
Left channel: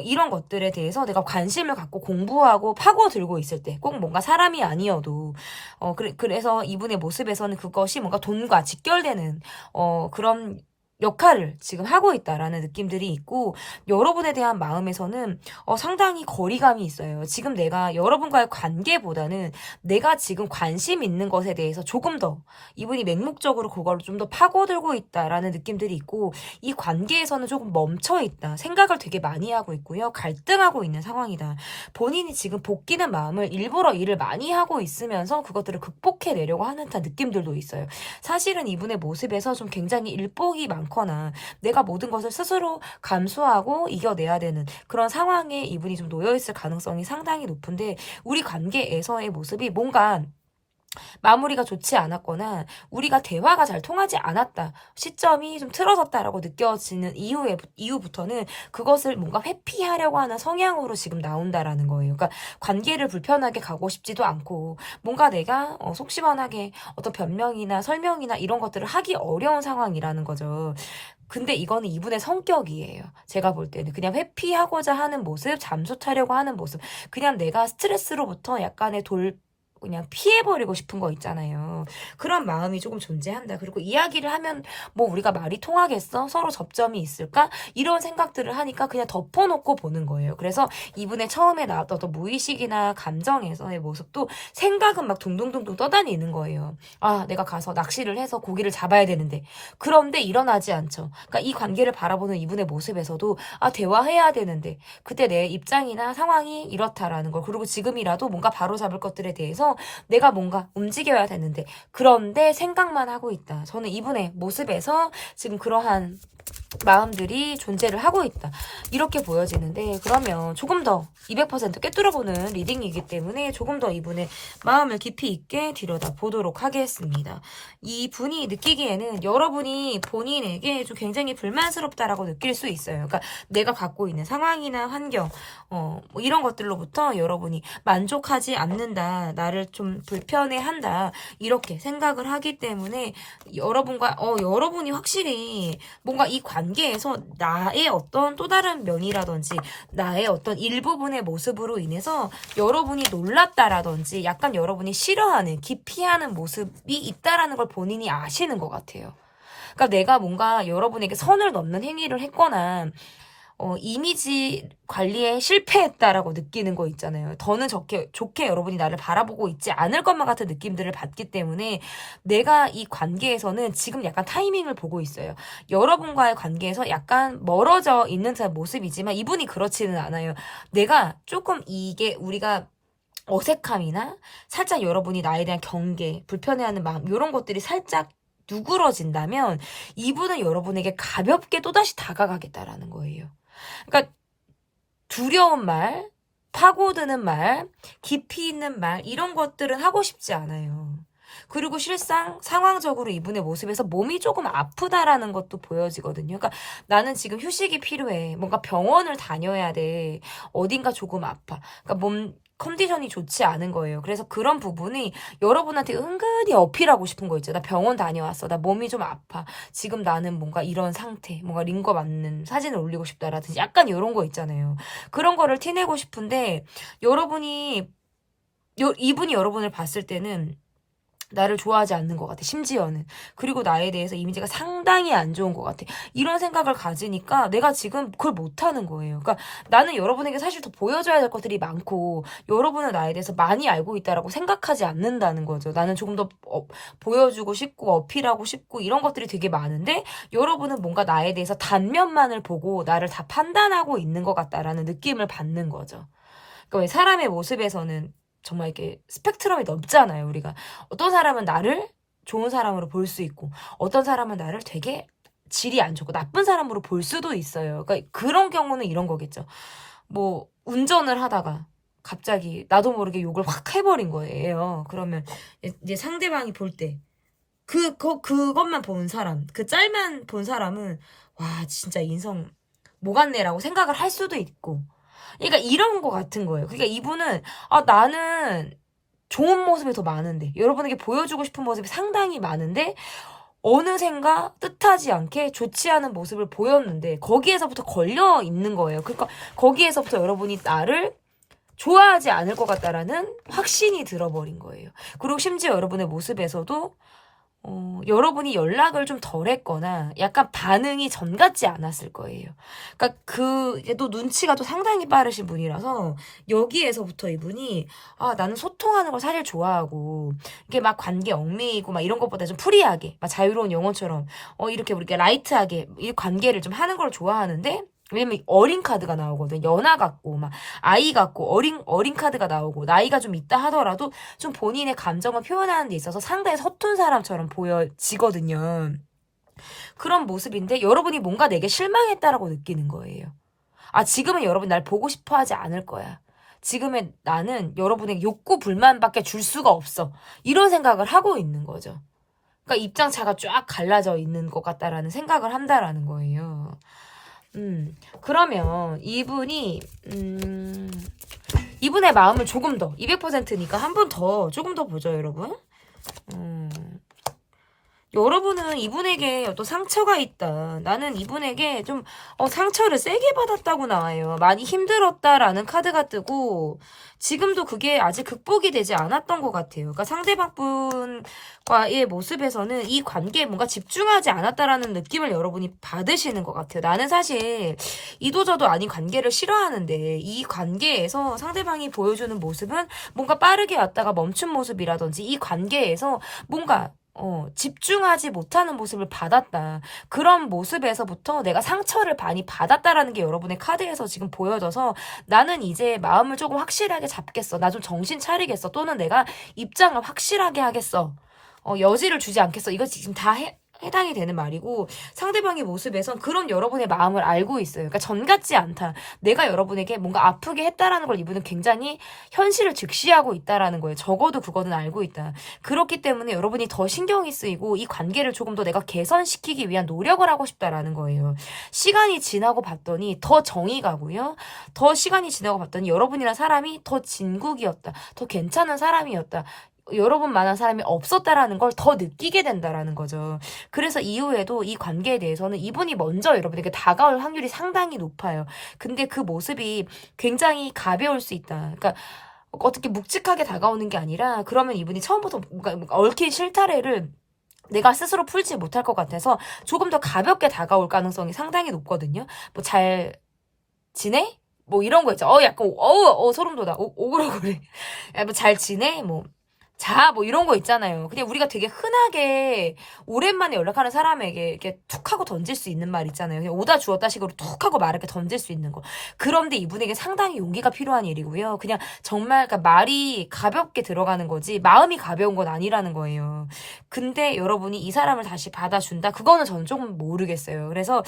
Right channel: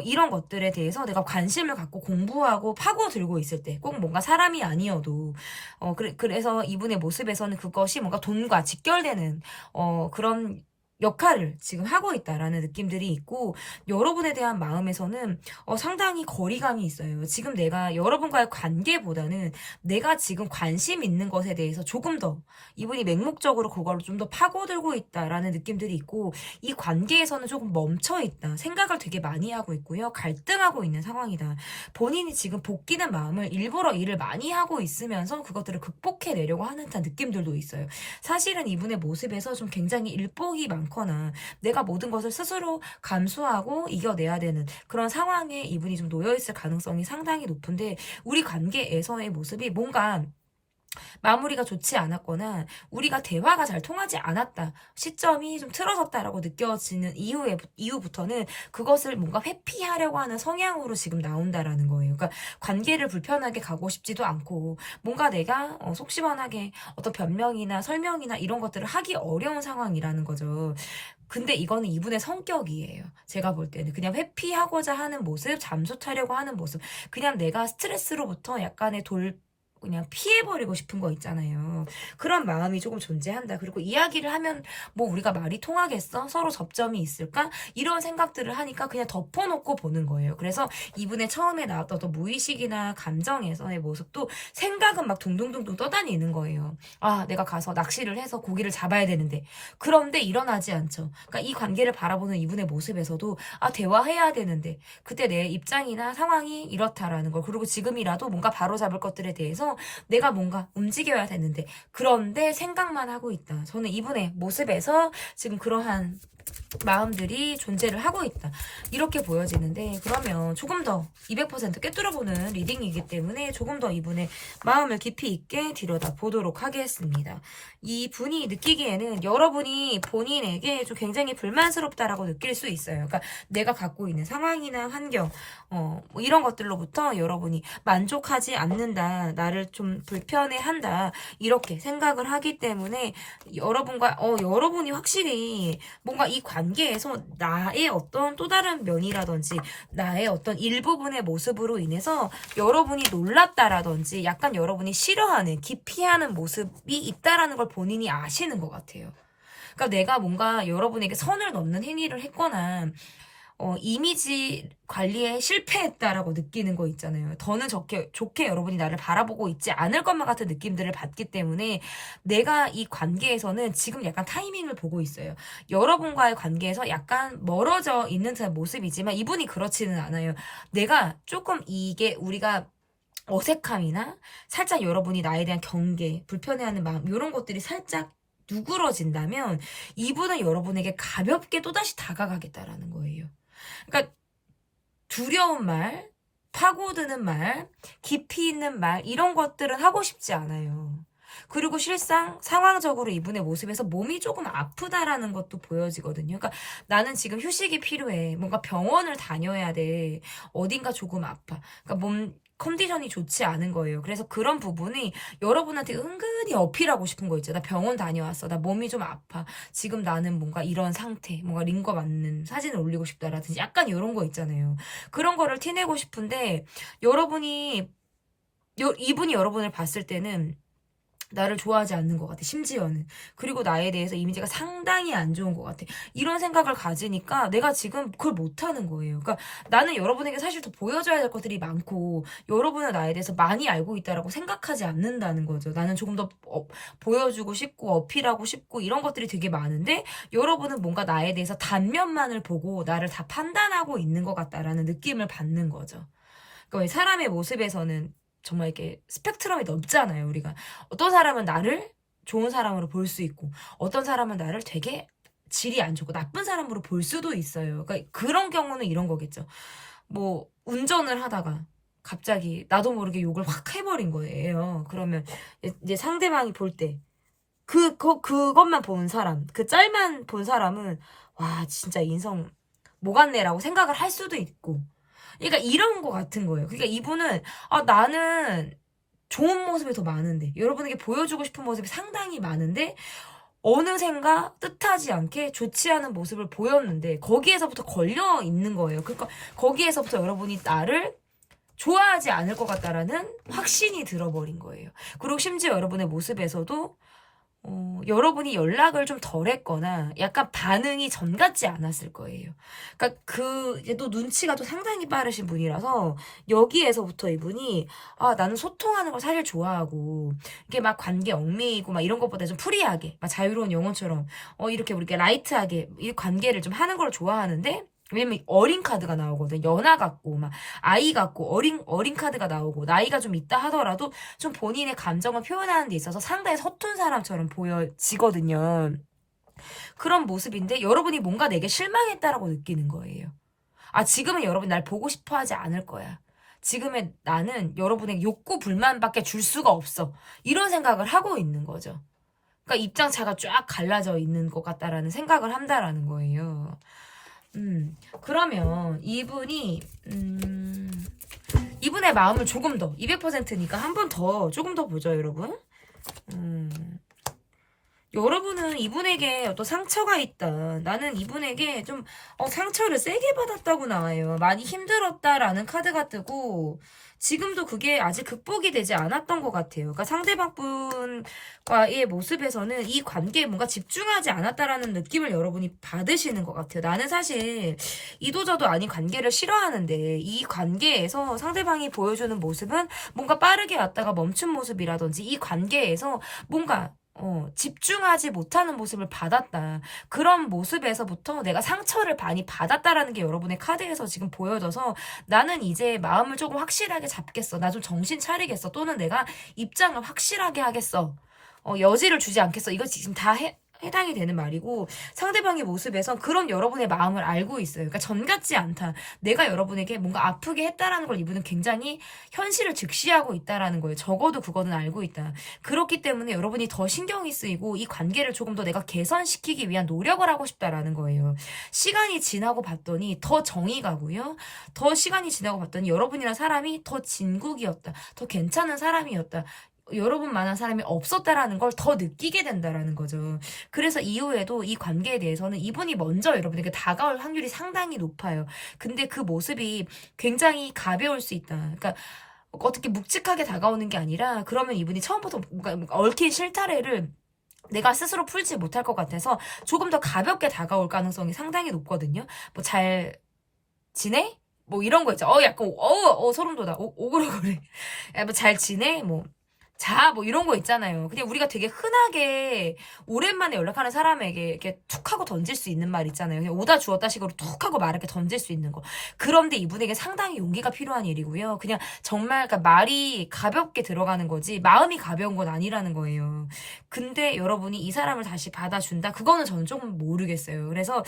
이런 것들에 대해서 내가 관심을 갖고 공부하고 파고들고 있을 때, 꼭 뭔가 사람이 아니어도, 그래서 이분의 모습에서는 그것이 뭔가 돈과 직결되는, 그런 역할을 지금 하고 있다라는 느낌들이 있고, 여러분에 대한 마음에서는 상당히 거리감이 있어요. 지금 내가 여러분과의 관계보다는 내가 지금 관심 있는 것에 대해서 조금 더 이분이 맹목적으로 그걸 좀 더 파고들고 있다라는 느낌들이 있고, 이 관계에서는 조금 멈춰 있다. 생각을 되게 많이 하고 있고요. 갈등하고 있는 상황이다. 본인이 지금 복귀는 마음을 일부러 일을 많이 하고 있으면서 그것들을 극복해내려고 하는 듯한 느낌들도 있어요. 사실은 이분의 모습에서 좀 굉장히 일복이 많거나 내가 모든 것을 스스로 감수하고 이겨내야 되는 그런 상황에 이분이 좀 놓여있을 가능성이 상당히 높은데, 우리 관계에서의 모습이 뭔가 마무리가 좋지 않았거나 우리가 대화가 잘 통하지 않았다, 시점이 좀 틀어졌다라고 느껴지는 이후부터는 그것을 뭔가 회피하려고 하는 성향으로 지금 나온다라는 거예요. 그러니까 관계를 불편하게 가고 싶지도 않고, 뭔가 내가 속 시원하게 어떤 변명이나 설명이나 이런 것들을 하기 어려운 상황이라는 거죠. 근데 이거는 이분의 성격이에요. 제가 볼 때는 그냥 회피하고자 하는 모습, 잠수 타려고 하는 모습, 그냥 내가 스트레스로부터 약간의 그냥 피해버리고 싶은 거 있잖아요. 그런 마음이 조금 존재한다. 그리고 이야기를 하면 뭐 우리가 말이 통하겠어? 서로 접점이 있을까? 이런 생각들을 하니까 그냥 덮어놓고 보는 거예요. 그래서 이분의 처음에 나왔던 어떤 무의식이나 감정에서의 모습도 생각은 막 둥둥둥둥 떠다니는 거예요. 아, 내가 가서 낚시를 해서 고기를 잡아야 되는데. 그런데 일어나지 않죠. 그러니까 이 관계를 바라보는 이분의 모습에서도 대화해야 되는데 그때 내 입장이나 상황이 이렇다라는 걸, 그리고 지금이라도 뭔가 바로잡을 것들에 대해서 내가 뭔가 움직여야 되는데 그런데 생각만 하고 있다. 저는 이분의 모습에서 지금 그러한 마음들이 존재를 하고 있다, 이렇게 보여지는데, 그러면 조금 더 200% 꿰뚫어보는 리딩이기 때문에 조금 더 이분의 마음을 깊이 있게 들여다보도록 하겠습니다. 이분이 느끼기에는 여러분이 본인에게 좀 굉장히 불만스럽다라고 느낄 수 있어요. 그러니까 내가 갖고 있는 상황이나 환경, 뭐 이런 것들로부터 여러분이 만족하지 않는다, 나를 좀 불편해한다, 이렇게 생각을 하기 때문에 여러분이 확실히 뭔가 이 관계에서 나의 어떤 또 다른 면이라든지 나의 어떤 일부분의 모습으로 인해서 여러분이 놀랐다라든지 약간 여러분이 싫어하는, 기피하는 모습이 있다라는 걸 본인이 아시는 것 같아요. 그러니까 내가 뭔가 여러분에게 선을 넘는 행위를 했거나 이미지 관리에 실패했다라고 느끼는 거 있잖아요. 더는 좋게 여러분이 나를 바라보고 있지 않을 것만 같은 느낌들을 받기 때문에 내가 이 관계에서는 지금 약간 타이밍을 보고 있어요. 여러분과의 관계에서 약간 멀어져 있는 모습이지만 이분이 그렇지는 않아요. 내가 조금 이게 우리가 어색함이나 살짝 여러분이 나에 대한 경계, 불편해하는 마음, 이런 것들이 살짝 누그러진다면 이분은 여러분에게 가볍게 또다시 다가가겠다라는 거예요. 그러니까 두려운 말, 파고드는 말, 깊이 있는 말, 이런 것들은 하고 싶지 않아요. 그리고 실상 상황적으로 이분의 모습에서 몸이 조금 아프다라는 것도 보여지거든요. 그러니까 나는 지금 휴식이 필요해. 뭔가 병원을 다녀야 돼. 어딘가 조금 아파. 그러니까 몸 컨디션이 좋지 않은 거예요. 그래서 그런 부분이 여러분한테 은근히 어필하고 싶은 거 있죠. 나 병원 다녀왔어. 나 몸이 좀 아파. 지금 나는 뭔가 이런 상태, 뭔가 링거 맞는 사진을 올리고 싶다라든지 약간 이런 거 있잖아요. 그런 거를 티내고 싶은데 이분이 여러분을 봤을 때는 나를 좋아하지 않는 것 같아, 심지어는. 그리고 나에 대해서 이미지가 상당히 안 좋은 것 같아. 이런 생각을 가지니까 내가 지금 그걸 못하는 거예요. 그러니까 나는 여러분에게 사실 더 보여줘야 될 것들이 많고 여러분은 나에 대해서 많이 알고 있다라고 생각하지 않는다는 거죠. 나는 조금 더 보여주고 싶고 어필하고 싶고 이런 것들이 되게 많은데 여러분은 뭔가 나에 대해서 단면만을 보고 나를 다 판단하고 있는 것 같다라는 느낌을 받는 거죠. 그러니까 왜 사람의 모습에서는 정말 이렇게 스펙트럼이 넓잖아요, 우리가. 어떤 사람은 나를 좋은 사람으로 볼 수 있고, 어떤 사람은 나를 되게 질이 안 좋고, 나쁜 사람으로 볼 수도 있어요. 그러니까 그런 경우는 이런 거겠죠. 뭐, 운전을 하다가 갑자기 나도 모르게 욕을 확 해버린 거예요. 그러면 이제 상대방이 볼 때, 그것만 본 사람, 그 짤만 본 사람은, 와, 진짜 인성 뭐 같네라고 생각을 할 수도 있고, 그러니까 이런 거 같은 거예요. 그러니까 이분은 나는 좋은 모습이 더 많은데 여러분에게 보여주고 싶은 모습이 상당히 많은데 어느샌가 뜻하지 않게 좋지 않은 모습을 보였는데 거기에서부터 걸려 있는 거예요. 그러니까 거기에서부터 여러분이 나를 좋아하지 않을 것 같다라는 확신이 들어버린 거예요. 그리고 심지어 여러분의 모습에서도 여러분이 연락을 좀 덜 했거나 약간 반응이 전 같지 않았을 거예요. 그러니까 또 눈치가 또 상당히 빠르신 분이라서 여기에서부터 이분이 나는 소통하는 걸 사실 좋아하고 이게 막 관계 얽매이고 막 이런 것보다 좀 프리하게 막 자유로운 영혼처럼 이렇게 우리가 라이트하게 이 관계를 좀 하는 걸 좋아하는데 왜냐면 어린 카드가 나오거든. 연하 같고 막 아이 같고 어린 카드가 나오고 나이가 좀 있다 하더라도 좀 본인의 감정을 표현하는 데 있어서 상당히 서툰 사람처럼 보여지거든요. 그런 모습인데 여러분이 뭔가 내게 실망했다라고 느끼는 거예요. 지금은 여러분 날 보고 싶어 하지 않을 거야. 지금의 나는 여러분의 욕구 불만밖에 줄 수가 없어. 이런 생각을 하고 있는 거죠. 그러니까 입장차가 쫙 갈라져 있는 것 같다라는 생각을 한다라는 거예요. 그러면 이분의 마음을 조금 더, 200%니까 한 번 더, 조금 더 보죠, 여러분. 여러분은 이분에게 어떤 상처가 있다. 나는 이분에게 좀, 상처를 세게 받았다고 나와요. 많이 힘들었다라는 카드가 뜨고, 지금도 그게 아직 극복이 되지 않았던 것 같아요. 그러니까 상대방 분과의 모습에서는 이 관계에 뭔가 집중하지 않았다라는 느낌을 여러분이 받으시는 것 같아요. 나는 사실 이도저도 아닌 관계를 싫어하는데 이 관계에서 상대방이 보여주는 모습은 뭔가 빠르게 왔다가 멈춘 모습이라든지 이 관계에서 뭔가 집중하지 못하는 모습을 받았다. 그런 모습에서부터 내가 상처를 많이 받았다라는 게 여러분의 카드에서 지금 보여져서 나는 이제 마음을 조금 확실하게 잡겠어. 나 좀 정신 차리겠어. 또는 내가 입장을 확실하게 하겠어. 여지를 주지 않겠어. 이거 지금 다 해당이 되는 말이고 상대방의 모습에선 그런 여러분의 마음을 알고 있어요. 그러니까 전 같지 않다. 내가 여러분에게 뭔가 아프게 했다라는 걸 이분은 굉장히 현실을 직시하고 있다라는 거예요. 적어도 그거는 알고 있다. 그렇기 때문에 여러분이 더 신경이 쓰이고 이 관계를 조금 더 내가 개선시키기 위한 노력을 하고 싶다라는 거예요. 시간이 지나고 봤더니 더 정이 가고요. 더 시간이 지나고 봤더니 여러분이란 사람이 더 진국이었다. 더 괜찮은 사람이었다. 여러분만한 사람이 없었다라는 걸 더 느끼게 된다라는 거죠. 그래서 이후에도 이 관계에 대해서는 이분이 먼저 여러분에게 다가올 확률이 상당히 높아요. 근데 그 모습이 굉장히 가벼울 수 있다. 그러니까 어떻게 묵직하게 다가오는 게 아니라 그러면 이분이 처음부터 뭔가 얽힌 실타래를 내가 스스로 풀지 못할 것 같아서 조금 더 가볍게 다가올 가능성이 상당히 높거든요. 뭐 잘 지내? 뭐 이런 거 있죠. 약간 소름 돋아. 오글오글해. 뭐 잘 지내? 뭐 이런 거 있잖아요. 그냥 우리가 되게 흔하게 오랜만에 연락하는 사람에게 이렇게 툭 하고 던질 수 있는 말 있잖아요. 그냥 오다 주었다 식으로 툭 하고 말을 이렇게 던질 수 있는 거. 그런데 이분에게 상당히 용기가 필요한 일이고요. 그냥 정말 그러니까 말이 가볍게 들어가는 거지 마음이 가벼운 건 아니라는 거예요. 근데 여러분이 이 사람을 다시 받아준다? 그거는 저는 조금 모르겠어요. 그래서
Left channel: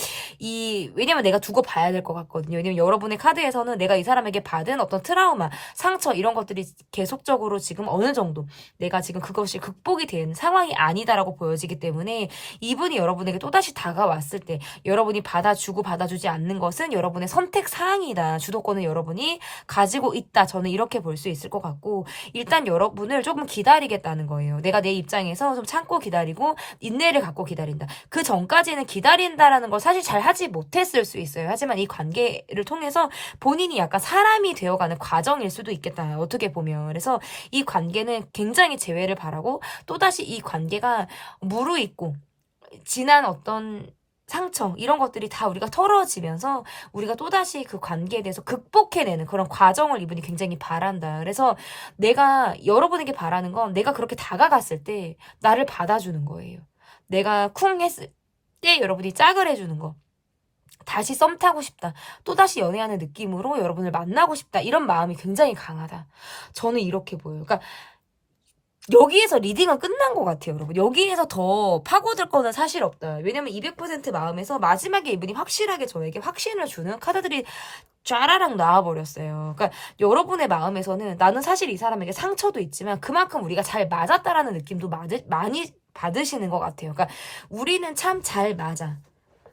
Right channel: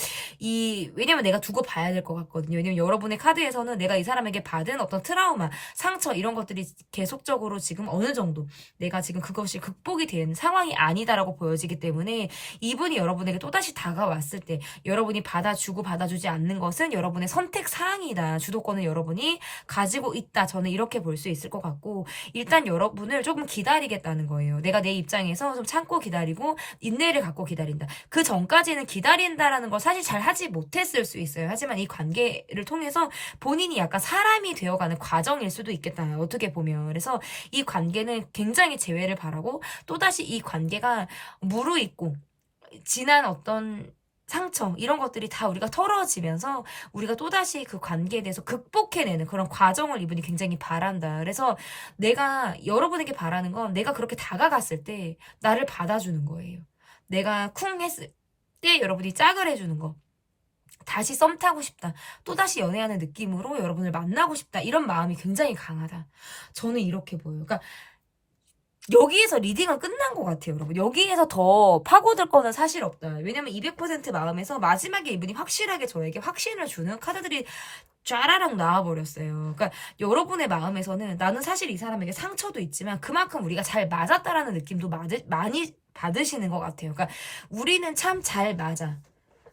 왜냐면 내가 두고 봐야 될 것 같거든요. 왜냐면 여러분의 카드에서는 내가 이 사람에게 받은 어떤 트라우마, 상처 이런 것들이 계속적으로 지금 어느 정도 내가 지금 그것이 극복이 된 상황이 아니다라고 보여지기 때문에 이분이 여러분에게 또다시 다가왔을 때 여러분이 받아주고 받아주지 않는 것은 여러분의 선택 사항이다. 주도권은 여러분이 가지고 있다. 저는 이렇게 볼 수 있을 것 같고 일단 여러분을 조금 기다리겠다는 거예요. 내가 내 입장에서 좀 참고 기다리고 인내를 갖고 기다린다. 그 전까지는 기다린다라는 걸 사실 잘 하지 못했을 수 있어요. 하지만 이 관계를 통해서 본인이 약간 사람이 되어가는 과정일 수도 있겠다. 어떻게 보면. 그래서 이 관계는 굉장히 재회를 바라고 또다시 이 관계가 무르익고 지난 어떤 상처 이런 것들이 다 우리가 털어지면서 우리가 또다시 그 관계에 대해서 극복해내는 그런 과정을 이분이 굉장히 바란다. 그래서 내가 여러분에게 바라는 건 내가 그렇게 다가갔을 때 나를 받아주는 거예요. 내가 쿵 했을 때 여러분이 짝을 해주는 거. 다시 썸 타고 싶다. 또다시 연애하는 느낌으로 여러분을 만나고 싶다. 이런 마음이 굉장히 강하다. 저는 이렇게 보여요. 그러니까 여기에서 리딩은 끝난 것 같아요, 여러분. 여기에서 더 파고들 거는 사실 없다. 왜냐면 200% 마음에서 마지막에 이분이 확실하게 저에게 확신을 주는 카드들이 쫘라락 나와버렸어요. 그러니까 여러분의 마음에서는 나는 사실 이 사람에게 상처도 있지만 그만큼 우리가 잘 맞았다라는 느낌도 많이 받으시는 것 같아요. 그러니까 우리는 참 잘 맞아.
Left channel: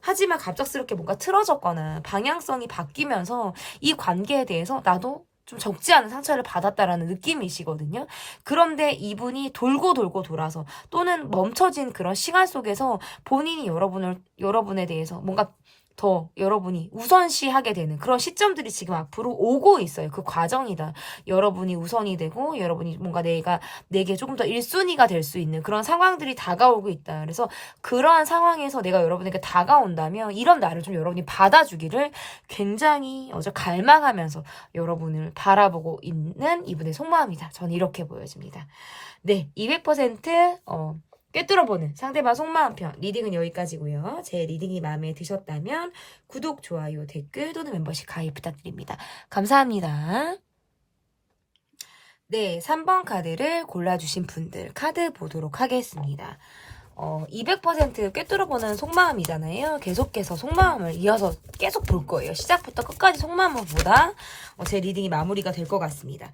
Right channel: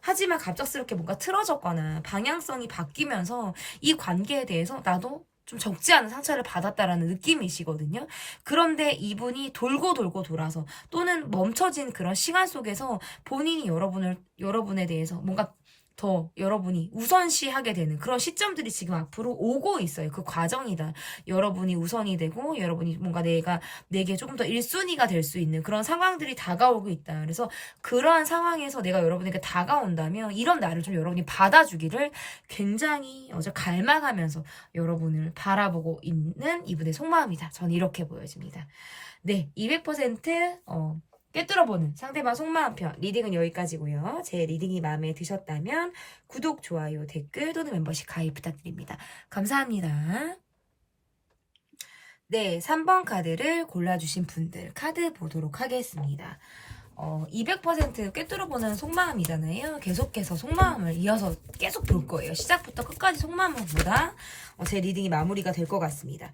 하지만 갑작스럽게 뭔가 틀어졌거나 방향성이 바뀌면서 이 관계에 대해서 나도 좀 적지 않은 상처를 받았다라는 느낌이시거든요. 그런데 이분이 돌고 돌고 돌아서 또는 멈춰진 그런 시간 속에서 본인이 여러분에 대해서 뭔가 더 여러분이 우선시하게 되는 그런 시점들이 지금 앞으로 오고 있어요. 그 과정이다. 여러분이 우선이 되고 여러분이 뭔가 내게 조금 더 1순위가 될 수 있는 그런 상황들이 다가오고 있다. 그래서 그러한 상황에서 내가 여러분에게 다가온다면 이런 나를 좀 여러분이 받아주기를 굉장히 갈망하면서 여러분을 바라보고 있는 이분의 속마음이다. 저는 이렇게 보여집니다. 네, 200% 꿰뚫어보는 상대방 속마음 편 리딩은 여기까지고요. 제 리딩이 마음에 드셨다면 구독, 좋아요, 댓글 또는 멤버십 가입 부탁드립니다. 감사합니다. 네, 3번 카드를 골라주신 분들 카드 보도록 하겠습니다. 200% 꿰뚫어보는 속마음이잖아요. 계속해서 속마음을 이어서 계속 볼 거예요. 시작부터 끝까지 속마음을 보다 제 리딩이 마무리가 될 것 같습니다.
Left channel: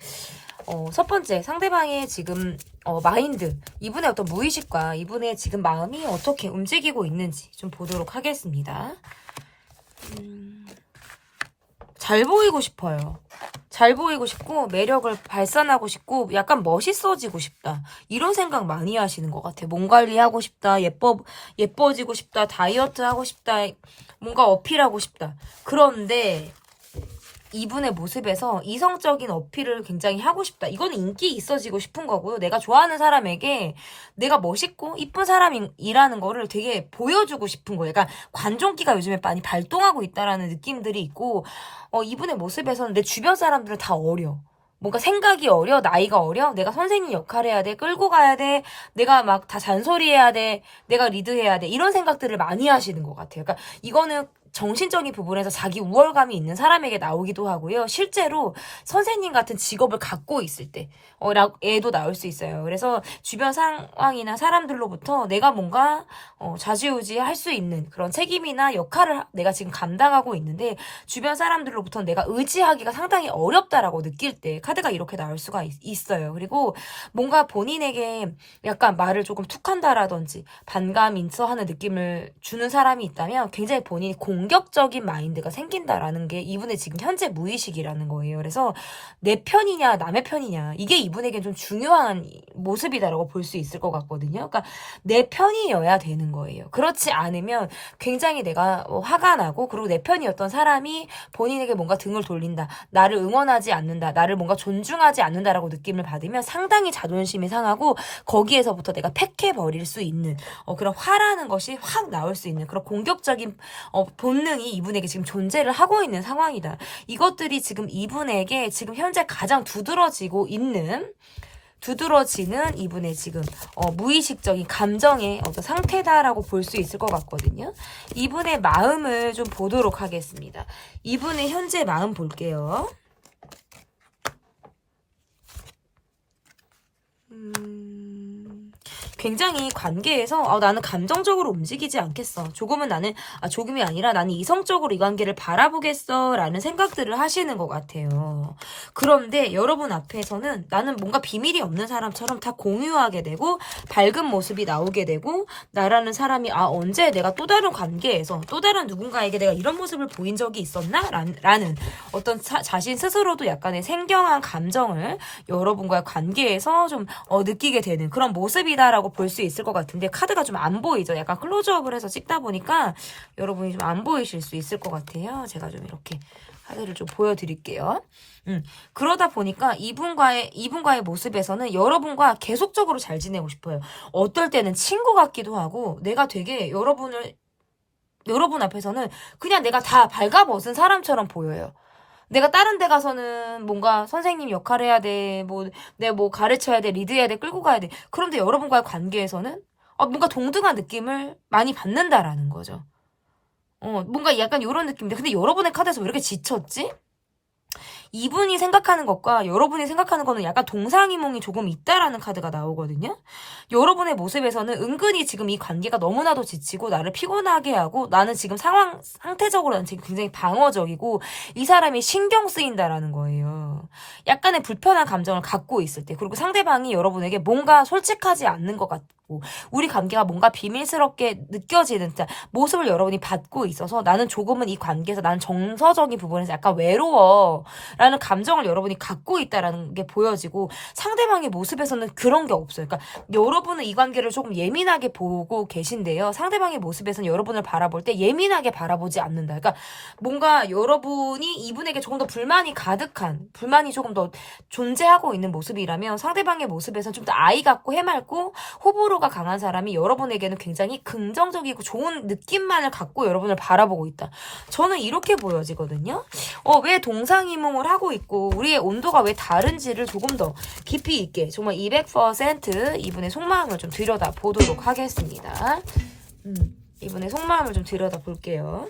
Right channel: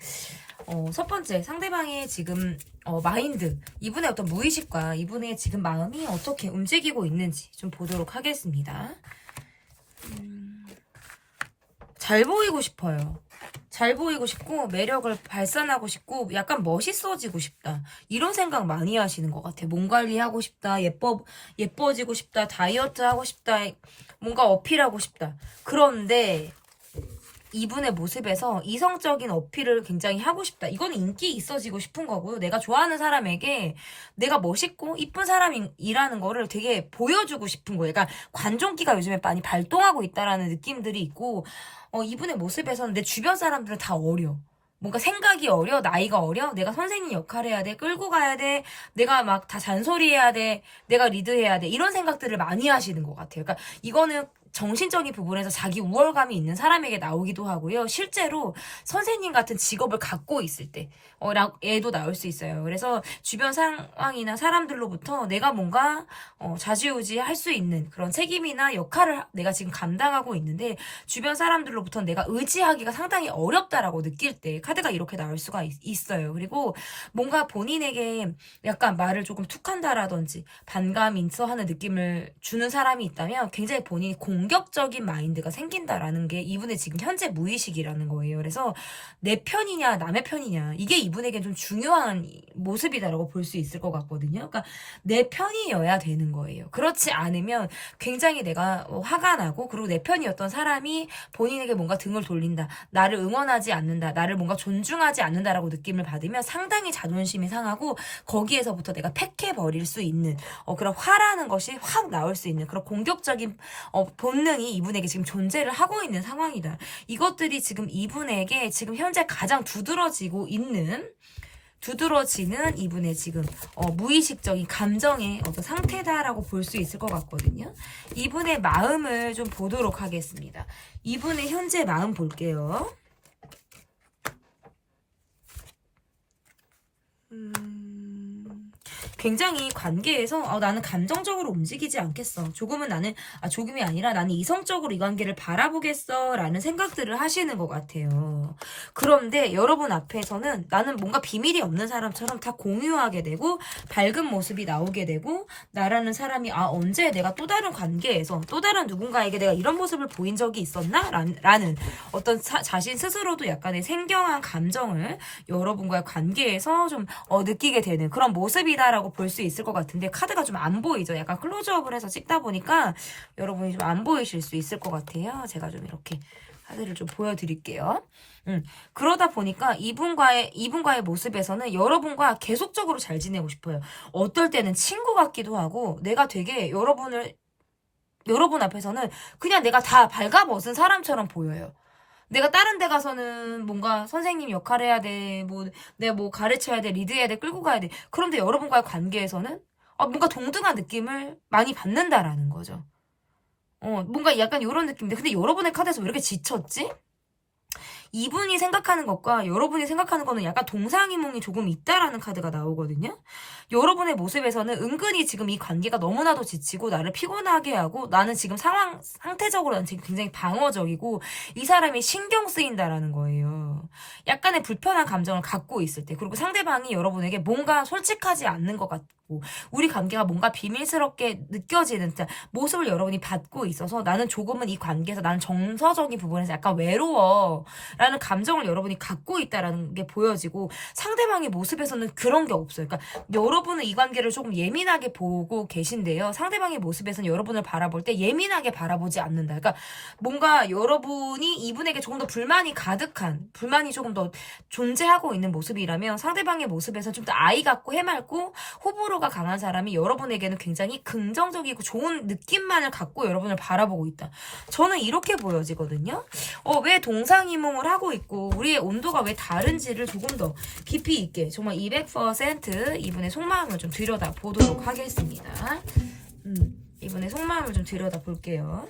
첫 번째, 상대방의 지금 마인드, 이분의 어떤 무의식과 이분의 지금 마음이 어떻게 움직이고 있는지 좀 보도록 하겠습니다. 잘 보이고 싶어요. 잘 보이고 싶고 매력을 발산하고 싶고 약간 멋있어지고 싶다. 이런 생각 많이 하시는 것 같아요. 몸 관리하고 싶다. 예뻐지고 싶다. 다이어트 하고 싶다. 뭔가 어필하고 싶다. 그런데 이분의 모습에서 이성적인 어필을 굉장히 하고 싶다. 이거는 인기 있어지고 싶은 거고요. 내가 좋아하는 사람에게 내가 멋있고 이쁜 사람이라는 거를 되게 보여주고 싶은 거예요. 그러니까 관종기가 요즘에 많이 발동하고 있다라는 느낌들이 있고 이분의 모습에서는 내 주변 사람들은 다 어려. 뭔가 생각이 어려, 나이가 어려, 내가 선생님 역할 해야 돼, 끌고 가야 돼, 내가 막 다 잔소리해야 돼, 내가 리드해야 돼, 이런 생각들을 많이 하시는 것 같아요. 그러니까 이거는 정신적인 부분에서 자기 우월감이 있는 사람에게 나오기도 하고요. 실제로 선생님 같은 직업을 갖고 있을 때 애도 나올 수 있어요. 그래서 주변 상황이나 사람들로부터 내가 뭔가 좌지우지 할 수 있는 그런 책임이나 역할을 내가 지금 감당하고 있는데 주변 사람들로부터 내가 의지하기가 상당히 어렵다라고 느낄 때 카드가 이렇게 나올 수가 있어요. 그리고 뭔가 본인에게 약간 말을 조금 툭한다라든지 반감 인서하는 느낌을 주는 사람이 있다면 굉장히 본인이 공격적인 마인드가 생긴다라는 게 이분의 지금 현재 무의식이라는 거예요. 그래서 내 편이냐 남의 편이냐 이게 이분에게 좀 중요한 모습이다라고 볼 수 있을 것 같거든요. 그러니까 내 편이어야 되는 거예요. 그렇지 않으면 굉장히 내가 화가 나고 그리고 내 편이었던 사람이 본인에게 뭔가 등을 돌린다. 나를 응원하지 않는다. 나를 뭔가 존중하지 않는다라고 느낌을 받으면 상당히 자존심이 상하고 거기에서부터 내가 팩해버릴 수 있는 그런 화라는 것이 확 나올 수 있는 그런 공격적인 본능이 이분에게 지금 존재를 하고 있는 상황이다. 이것들이 지금 이분에게 지금 현재 가장 두드러지는 이분의 지금 무의식적인 감정의 어떤 상태다라고 볼 수 있을 것 같거든요. 이분의 마음을 좀 보도록 하겠습니다. 이분의 현재 마음 볼게요. 굉장히 관계에서 나는 감정적으로 움직이지 않겠어. 조금이 아니라 나는 이성적으로 이 관계를 바라보겠어 라는 생각들을 하시는 것 같아요. 그런데 여러분 앞에서는 나는 뭔가 비밀이 없는 사람처럼 다 공유하게 되고 밝은 모습이 나오게 되고 나라는 사람이 언제 내가 또 다른 관계에서 또 다른 누군가에게 내가 이런 모습을 보인 적이 있었나? 라는 어떤 자신 스스로도 약간의 생경한 감정을 여러분과의 관계에서 좀 느끼게 되는 그런 모습이다라고 볼 수 있을 것 같은데 카드가 좀 안 보이죠. 약간 클로즈업을 해서 찍다 보니까 여러분이 좀 안 보이실 수 있을 것 같아요. 제가 좀 이렇게 카드를 좀 보여드릴게요. 그러다 보니까 이분과의 모습에서는 여러분과 계속적으로 잘 지내고 싶어요. 어떨 때는 친구 같기도 하고 내가 되게 여러분 앞에서는 그냥 내가 다 발가벗은 사람처럼 보여요. 내가 다른 데 가서는 뭔가 선생님 역할 해야 돼. 내가 가르쳐야 돼. 리드해야 돼. 끌고 가야 돼. 그런데 여러분과의 관계에서는 뭔가 동등한 느낌을 많이 받는다라는 거죠. 뭔가 약간 이런 느낌인데 근데 여러분의 카드에서 왜 이렇게 지쳤지? 이분이 생각하는 것과 여러분이 생각하는 거는 약간 동상이몽이 조금 있다라는 카드가 나오거든요. 여러분의 모습에서는 은근히 지금 이 관계가 너무나도 지치고 나를 피곤하게 하고 나는 지금 상태적으로는 지금 굉장히 방어적이고 이 사람이 신경 쓰인다라는 거예요. 약간의 불편한 감정을 갖고 있을 때 그리고 상대방이 여러분에게 뭔가 솔직하지 않는 것 같고 우리 관계가 뭔가 비밀스럽게 느껴지는 모습을 여러분이 받고 있어서 나는 조금은 이 관계에서 나는 정서적인 부분에서 약간 외로워 라는 감정을 여러분이 갖고 있다라는 게 보여지고 상대방의 모습에서는 그런 게 없어요. 그러니까 여러분은 이 관계를 조금 예민하게 보고 계신데요. 상대방의 모습에서는 여러분을 바라볼 때 예민하게 바라보지 않는다. 그러니까 뭔가 여러분이 이분에게 조금 더 불만이 가득한, 불만이 조금 더 존재하고 있는 모습이라면 상대방의 모습에서는 좀 더 아이 같고 해맑고 호불호가 강한 사람이 여러분에게는 굉장히 긍정적이고 좋은 느낌만을 갖고 여러분을 바라보고 있다. 저는 이렇게 보여지거든요. 왜 동상이몽을 하고 있고 우리의 온도가 왜 다른지를 조금 더 깊이 있게 정말 200% 이분의 속마음을 좀 들여다 보도록 하겠습니다. 이분의 속마음을 좀 들여다 볼게요.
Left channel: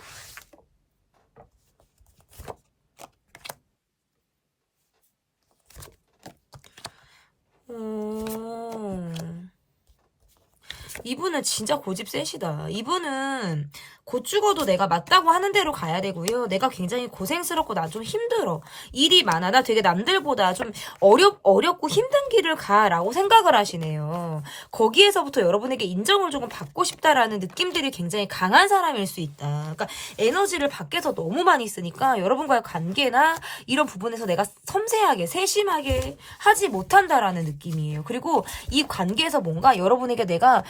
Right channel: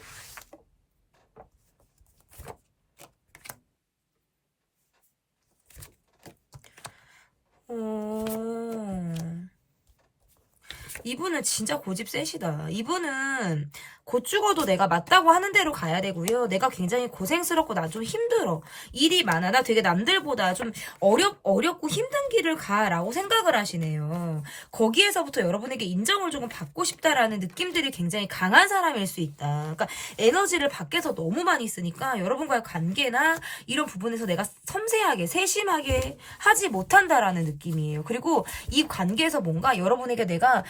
이분은 진짜 고집 세시다. 이분은 곧 죽어도 내가 맞다고 하는 대로 가야 되고요. 내가 굉장히 고생스럽고 나 좀 힘들어. 일이 많아. 나 되게 남들보다 좀 어렵고 힘든 길을 가라고 생각을 하시네요. 거기에서부터 여러분에게 인정을 조금 받고 싶다라는 느낌들이 굉장히 강한 사람일 수 있다. 그러니까 에너지를 밖에서 너무 많이 쓰니까 여러분과의 관계나 이런 부분에서 내가 섬세하게 세심하게 하지 못한다라는 느낌이에요. 그리고 이 관계에서 뭔가 여러분에게 내가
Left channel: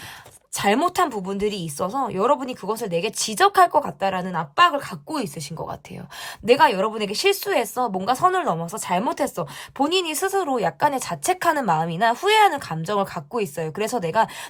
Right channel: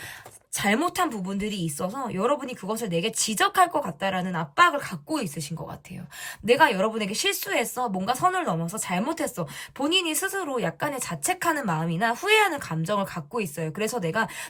잘못한 부분들이 있어서 여러분이 그것을 내게 지적할 것 같다라는 압박을 갖고 있으신 것 같아요. 내가 여러분에게 실수했어. 뭔가 선을 넘어서 잘못했어. 본인이 스스로 약간의 자책하는 마음이나 후회하는 감정을 갖고 있어요. 그래서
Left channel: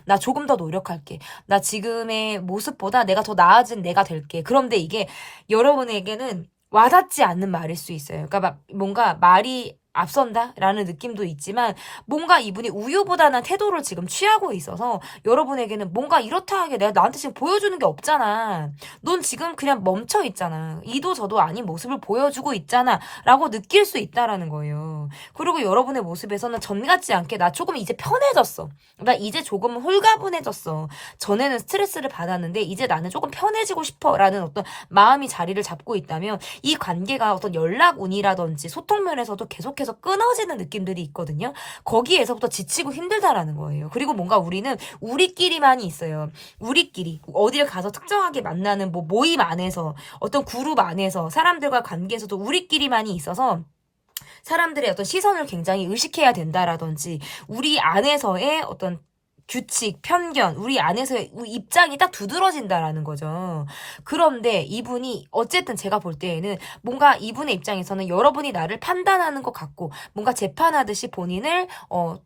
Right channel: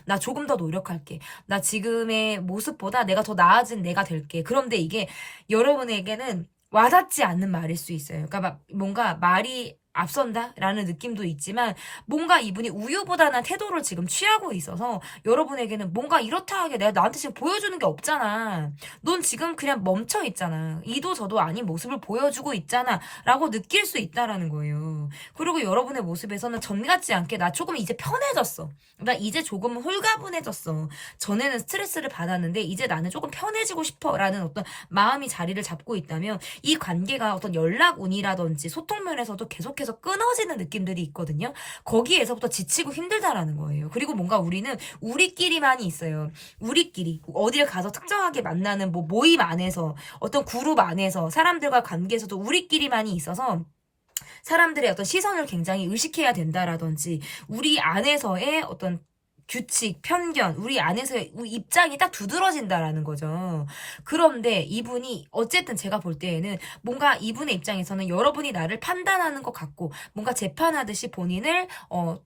나 조금 더 노력할게. 나 지금의 모습보다 내가 더 나아진 내가 될게. 그런데 이게 여러분에게는 와닿지 않는 말일 수 있어요. 그러니까 뭔가 말이 앞선다라는 느낌도 있지만 뭔가 이분이 우유부단한 태도를 지금 취하고 있어서 여러분에게는 뭔가 이렇다 하게 내가 나한테 지금 보여주는 게 없잖아. 넌 지금 그냥 멈춰 있잖아. 이도 저도 아닌 모습을 보여주고 있잖아. 라고 느낄 수 있다라는 거예요. 그리고 여러분의 모습에서는 전 같지 않게 나 조금 이제 편해졌어. 나 이제 조금 홀가분해졌어. 전에는 스트레스를 받았는데 이제 나는 조금 편해지고 싶어 라는 어떤 마음이 자리를 잡고 있다면 이 관계가 어떤 연락운이라든지 소통 면에서도 계속해서 끊어지는 느낌들이 있거든요. 거기에서부터 지치고 힘들다라는 거예요. 그리고 뭔가 우리는 우리끼리만이 있어요. 우리끼리 어디를 가서 특정하게 만나는 모임 안에서 어떤 그룹 안에서 사람들과 관계에서도 우리끼리만이 있어서 사람들의 어떤 시선을 굉장히 의식해야 된다라든지 우리 안에서의 어떤 규칙, 편견, 우리 안에서 입장이 딱 두드러진다라는 거죠. 그런데 이분이 어쨌든 제가 볼 때에는 뭔가 이분의 입장에서는 여러분이 나를 판단하는 것 같고 뭔가 재판하듯이 본인을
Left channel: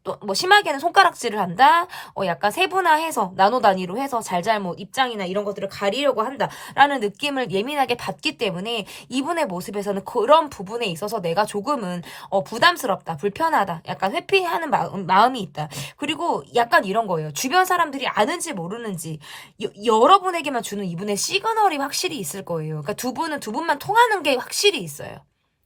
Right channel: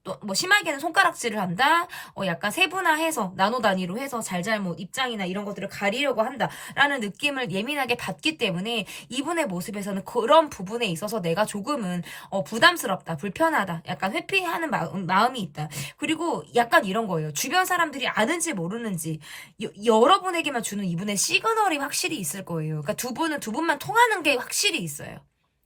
또 뭐 심하게는 손가락질을 한다. 약간 세분화해서 나노 단위로 해서 잘잘못 입장이나 이런 것들을 가리려고 한다라는 느낌을 예민하게 받기 때문에 이분의 모습에서는 그런 부분에 있어서 내가 조금은 부담스럽다, 불편하다, 약간 회피하는 마음이 있다. 그리고 약간 이런 거예요. 주변 사람들이 아는지 모르는지 여러분에게만 주는 이분의 시그널이 확실히 있을 거예요. 그러니까 두 분만 통하는 게 확실히 있어요.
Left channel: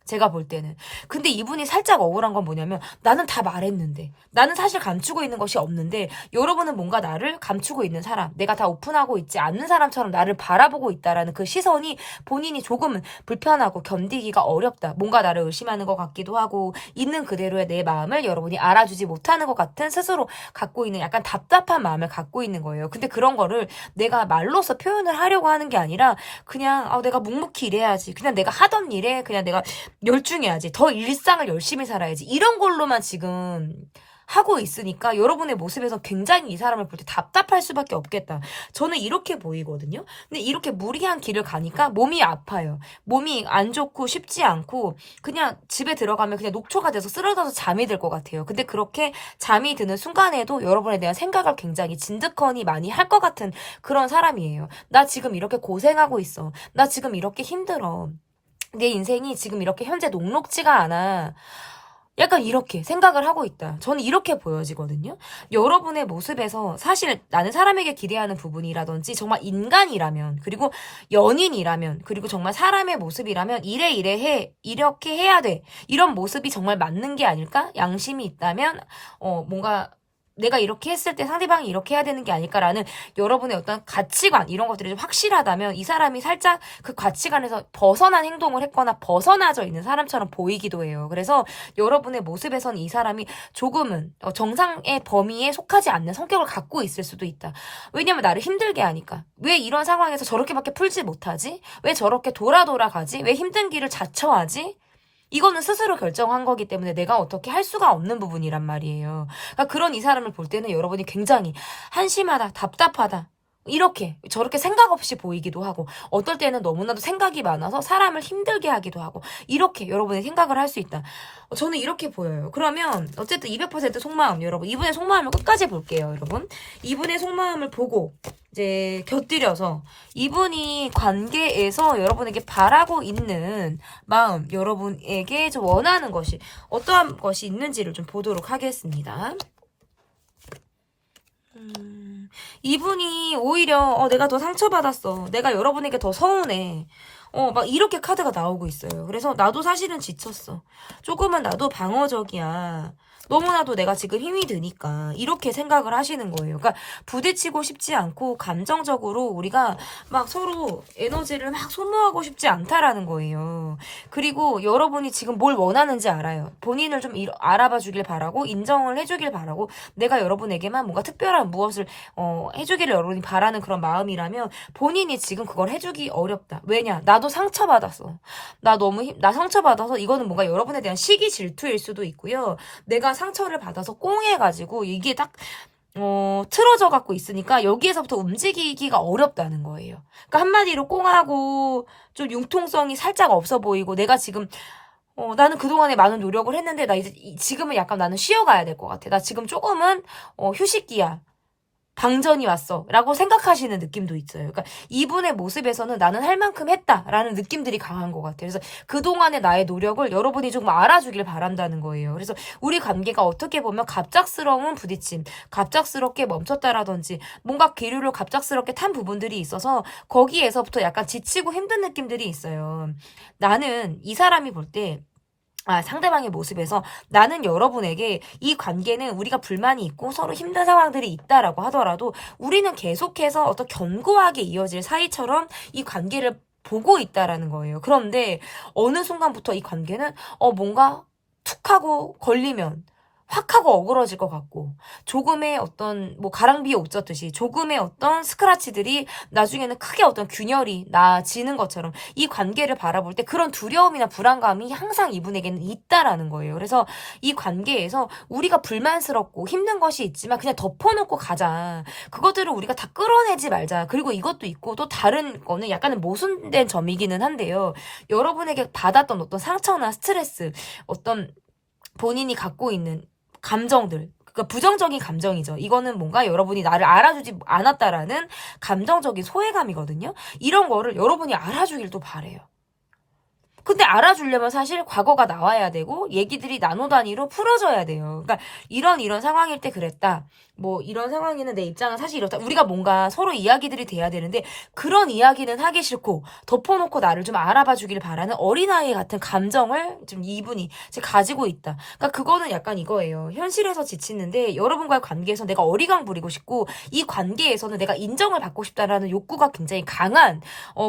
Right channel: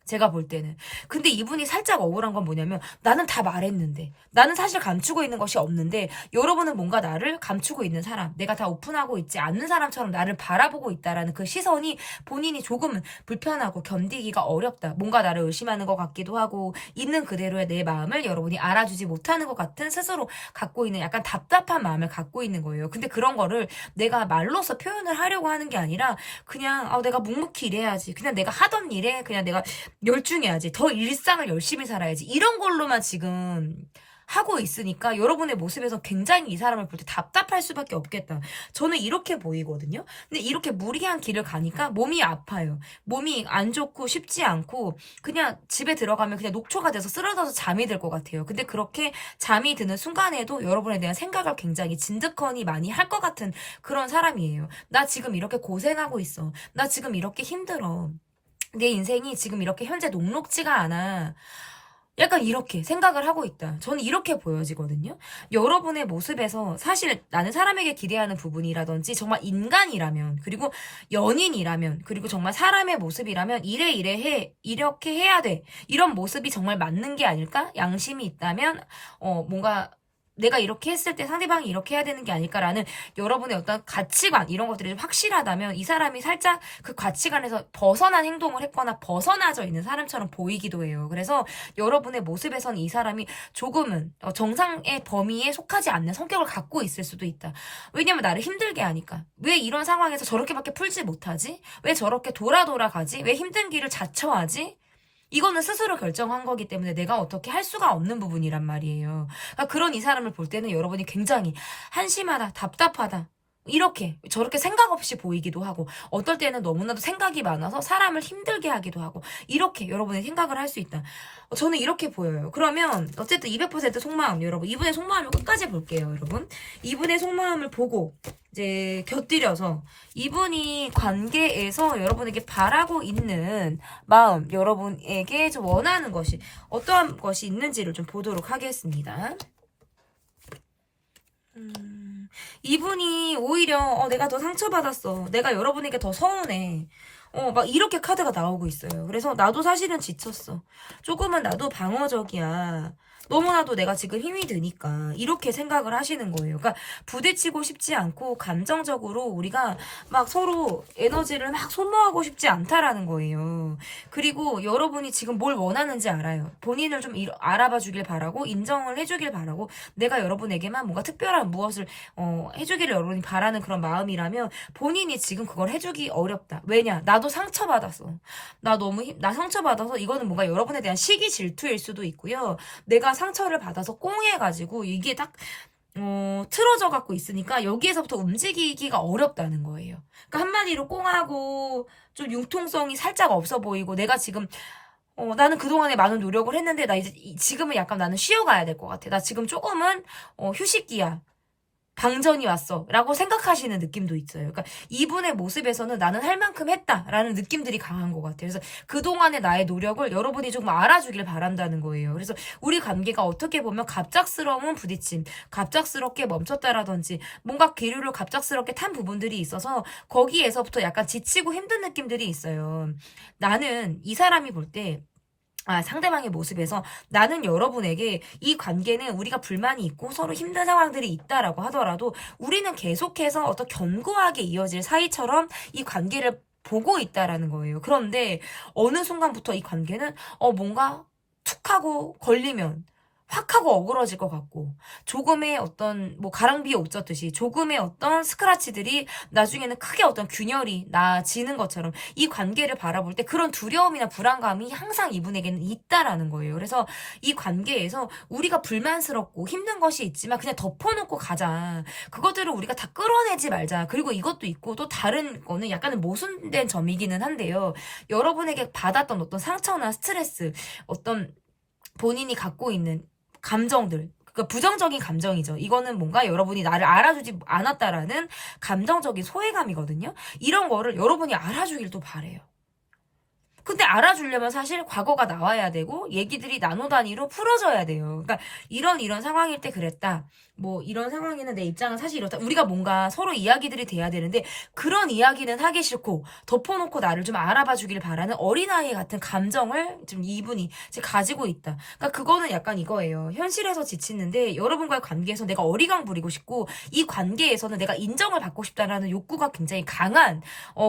제가 볼 때는. 근데 이분이 살짝 억울한 건 뭐냐면 나는 다 말했는데 나는 사실 감추고 있는 것이 없는데 여러분은 뭔가 나를 감추고 있는 사람 내가 다 오픈하고 있지 않는 사람처럼 나를 바라보고 있다라는 그 시선이 본인이 조금은 불편하고 견디기가 어렵다. 뭔가 나를 의심하는 것 같기도 하고 있는 그대로의 내 마음을 여러분이 알아주지 못하는 것 같은 스스로 갖고 있는 약간 답답한 마음을 갖고 있는 거예요. 근데 그런 거를 내가 말로써 표현을 하려고 하는 게 아니라 그냥 내가 묵묵히 일해야지. 그냥 내가 하던 일에 그냥 내가 열중해야지. 더 일상을 열심히 살아야지. 이런 걸로만 지금 하고 있으니까 여러분의 모습에서 굉장히 이 사람을 볼 때 답답할 수밖에 없겠다. 저는 이렇게 보이거든요. 근데 이렇게 무리한 길을 가니까 몸이 아파요. 몸이 안 좋고 쉽지 않고 그냥 집에 들어가면 그냥 녹초가 돼서 쓰러져서 잠이 들 것 같아요. 근데 그렇게 잠이 드는 순간에도 여러분에 대한 생각을 굉장히 진득하니 많이 할 것 같은 그런 사람이에요. 나 지금 이렇게 고생하고 있어. 나 지금 이렇게 힘들어. 내 인생이 지금 이렇게 현재 녹록지가 않아. 약간 이렇게 생각을 하고 있다. 저는 이렇게 보여지거든요. 여러분의 모습에서 사실 나는 사람에게 기대하는 부분이라든지 정말 인간이라면 그리고 연인이라면 그리고 정말 사람의 모습이라면 이래 해 이렇게 해야 돼. 이런 모습이 정말 맞는 게 아닐까? 양심이 있다면 뭔가 내가 이렇게 했을 때 상대방이 이렇게 해야 되는 게 아닐까라는 여러분의 어떤 가치관 이런 것들이 좀 확실하다면 이 사람이 살짝 그 가치관에서 벗어난 행동을 했거나 벗어나져 있는 사람처럼 보이기도 해요. 그래서 여러분의 모습에선 이 사람이 조금은 정상의 범위에 속하지 않는 성격을 갖고 있을 수도 있다. 왜냐면 나를 힘들게 하니까. 왜 이런 상황에서 저렇게밖에 풀지 못하지? 왜 저렇게 돌아 가지? 왜 힘든 길을 자처하지? 이거는 스스로 결정한 거기 때문에 내가 어떻게 할 수가 없는 부분이란 말이에요. 그러니까 그런 이 사람을 볼 때는 여러분이 굉장히 한심하다, 답답하다, 이렇게 저렇게 생각 없이 보이기도 하고, 어떨 때는 너무나도 생각이 많아서 사람을 힘들게 하기도 하고, 이렇게 여러분이 생각을 할 수 있다. 저는 이렇게 보여요. 그러면 어쨌든 200% 속마음, 여러분 이분의 속마음을 끝까지 볼게요. 여러분 이분의 속마음을 보고 이제 곁들여서 이분이 관계에서 여러분에게 바라고 있는 마음, 여러분에게 좀 원하는 것이 어떠한 것이 있는지를 좀 보도록 하겠습니다. 이분이 오히려 내가 더 상처받았어, 내가 여러분에게 더 서운해, 막 이렇게 카드가 나오고 있어요. 그래서 나도 사실은 지쳤어, 조금은 나도 방어적이야, 너무나도 내가 지금 힘이 드니까, 이렇게 생각을 하시는 거예요. 그러니까 부딪히고 싶지 않고 감정적으로 우리가 막 서로 에너지를 막 소모하고 싶지 않다라는 거예요. 그리고 여러분이 지금 뭘 원하는지 알아요. 본인을 좀 알아봐 주길 바라고, 인정을 해주길 바라고, 내가 여러분에게만 뭔가 특별한 무엇을 해주기를 여러분이 바라는 그런 마음이라면 본인이 지금 그걸 해주기 어렵다. 왜냐? 나도 상처받았어. 나 상처받아서 이거는 뭔가 여러분에 대한 시기 질투일 수도 있고요. 내가 상처를 받아서 꽁해가지고 이게 딱 틀어져 갖고 있으니까 여기에서부터 움직이기가 어렵다는 거예요. 그러니까 한마디로 꽁하고 좀 융통성이 살짝 없어 보이고, 내가 지금 나는 그동안에 많은 노력을 했는데 나 이제 지금은 약간 나는 쉬어가야 될 것 같아. 나 지금 조금은 휴식기야, 방전이 왔어 라고 생각하시는 느낌도 있어요. 그러니까 이분의 모습에서는 나는 할 만큼 했다라는 느낌들이 강한 것 같아요. 그래서 그동안의 나의 노력을 여러분이 조금 알아주길 바란다는 거예요. 그래서 우리 관계가 어떻게 보면 갑작스러운 부딪힘, 갑작스럽게 멈췄다라든지 뭔가 기류를 갑작스럽게 탄 부분들이 있어서 거기에서부터 약간 지치고 힘든 느낌들이 있어요. 나는 이 사람이 볼때 상대방의 모습에서 나는 여러분에게 이 관계는 우리가 불만이 있고 서로 힘든 상황들이 있다라고 하더라도 우리는 계속해서 어떤 견고하게 이어질 사이처럼 이 관계를 보고 있다라는 거예요. 그런데 어느 순간부터 이 관계는 뭔가 툭 하고 걸리면 확 하고 어그러질 것 같고, 조금의 어떤 가랑비에 옷 젖듯이 조금의 어떤 스크라치들이 나중에는 크게 어떤 균열이 나지는 것처럼 이 관계를 바라볼 때 그런 두려움이나 불안감이 항상 이분에게는 있다라는 거예요. 그래서 이 관계에서 우리가 불만스럽고 힘든 것이 있지만 그냥 덮어놓고 가자, 그것들을 우리가 다 끌어내지 말자. 그리고 이것도 있고 또 다른 거는 약간은 모순된 점이기는 한데요, 여러분에게 받았던 어떤 상처나 스트레스, 어떤 본인이 갖고 있는 감정들, 그러니까 부정적인 감정이죠. 이거는 뭔가 여러분이 나를 알아주지 않았다라는 감정적인 소외감이거든요. 이런 거를 여러분이 알아주길 또 바래요. 근데 알아주려면 사실 과거가 나와야 되고 얘기들이 나노 단위로 풀어져야 돼요. 그러니까 이런 상황일 때 그랬다, 이런 상황에는 내 입장은 사실 이렇다, 우리가 뭔가 서로 이야기들이 돼야 되는데 그런 이야기는 하기 싫고 덮어놓고 나를 좀 알아봐 주길 바라는 어린아이 같은 감정을 지금 이분이 지금 가지고 있다. 그러니까 그거는 약간 이거예요. 현실에서 지치는데 여러분과의 관계에서 내가 어리광 부리고 싶고, 이 관계에서는 내가 인정을 받고 싶다라는 욕구가 굉장히 강한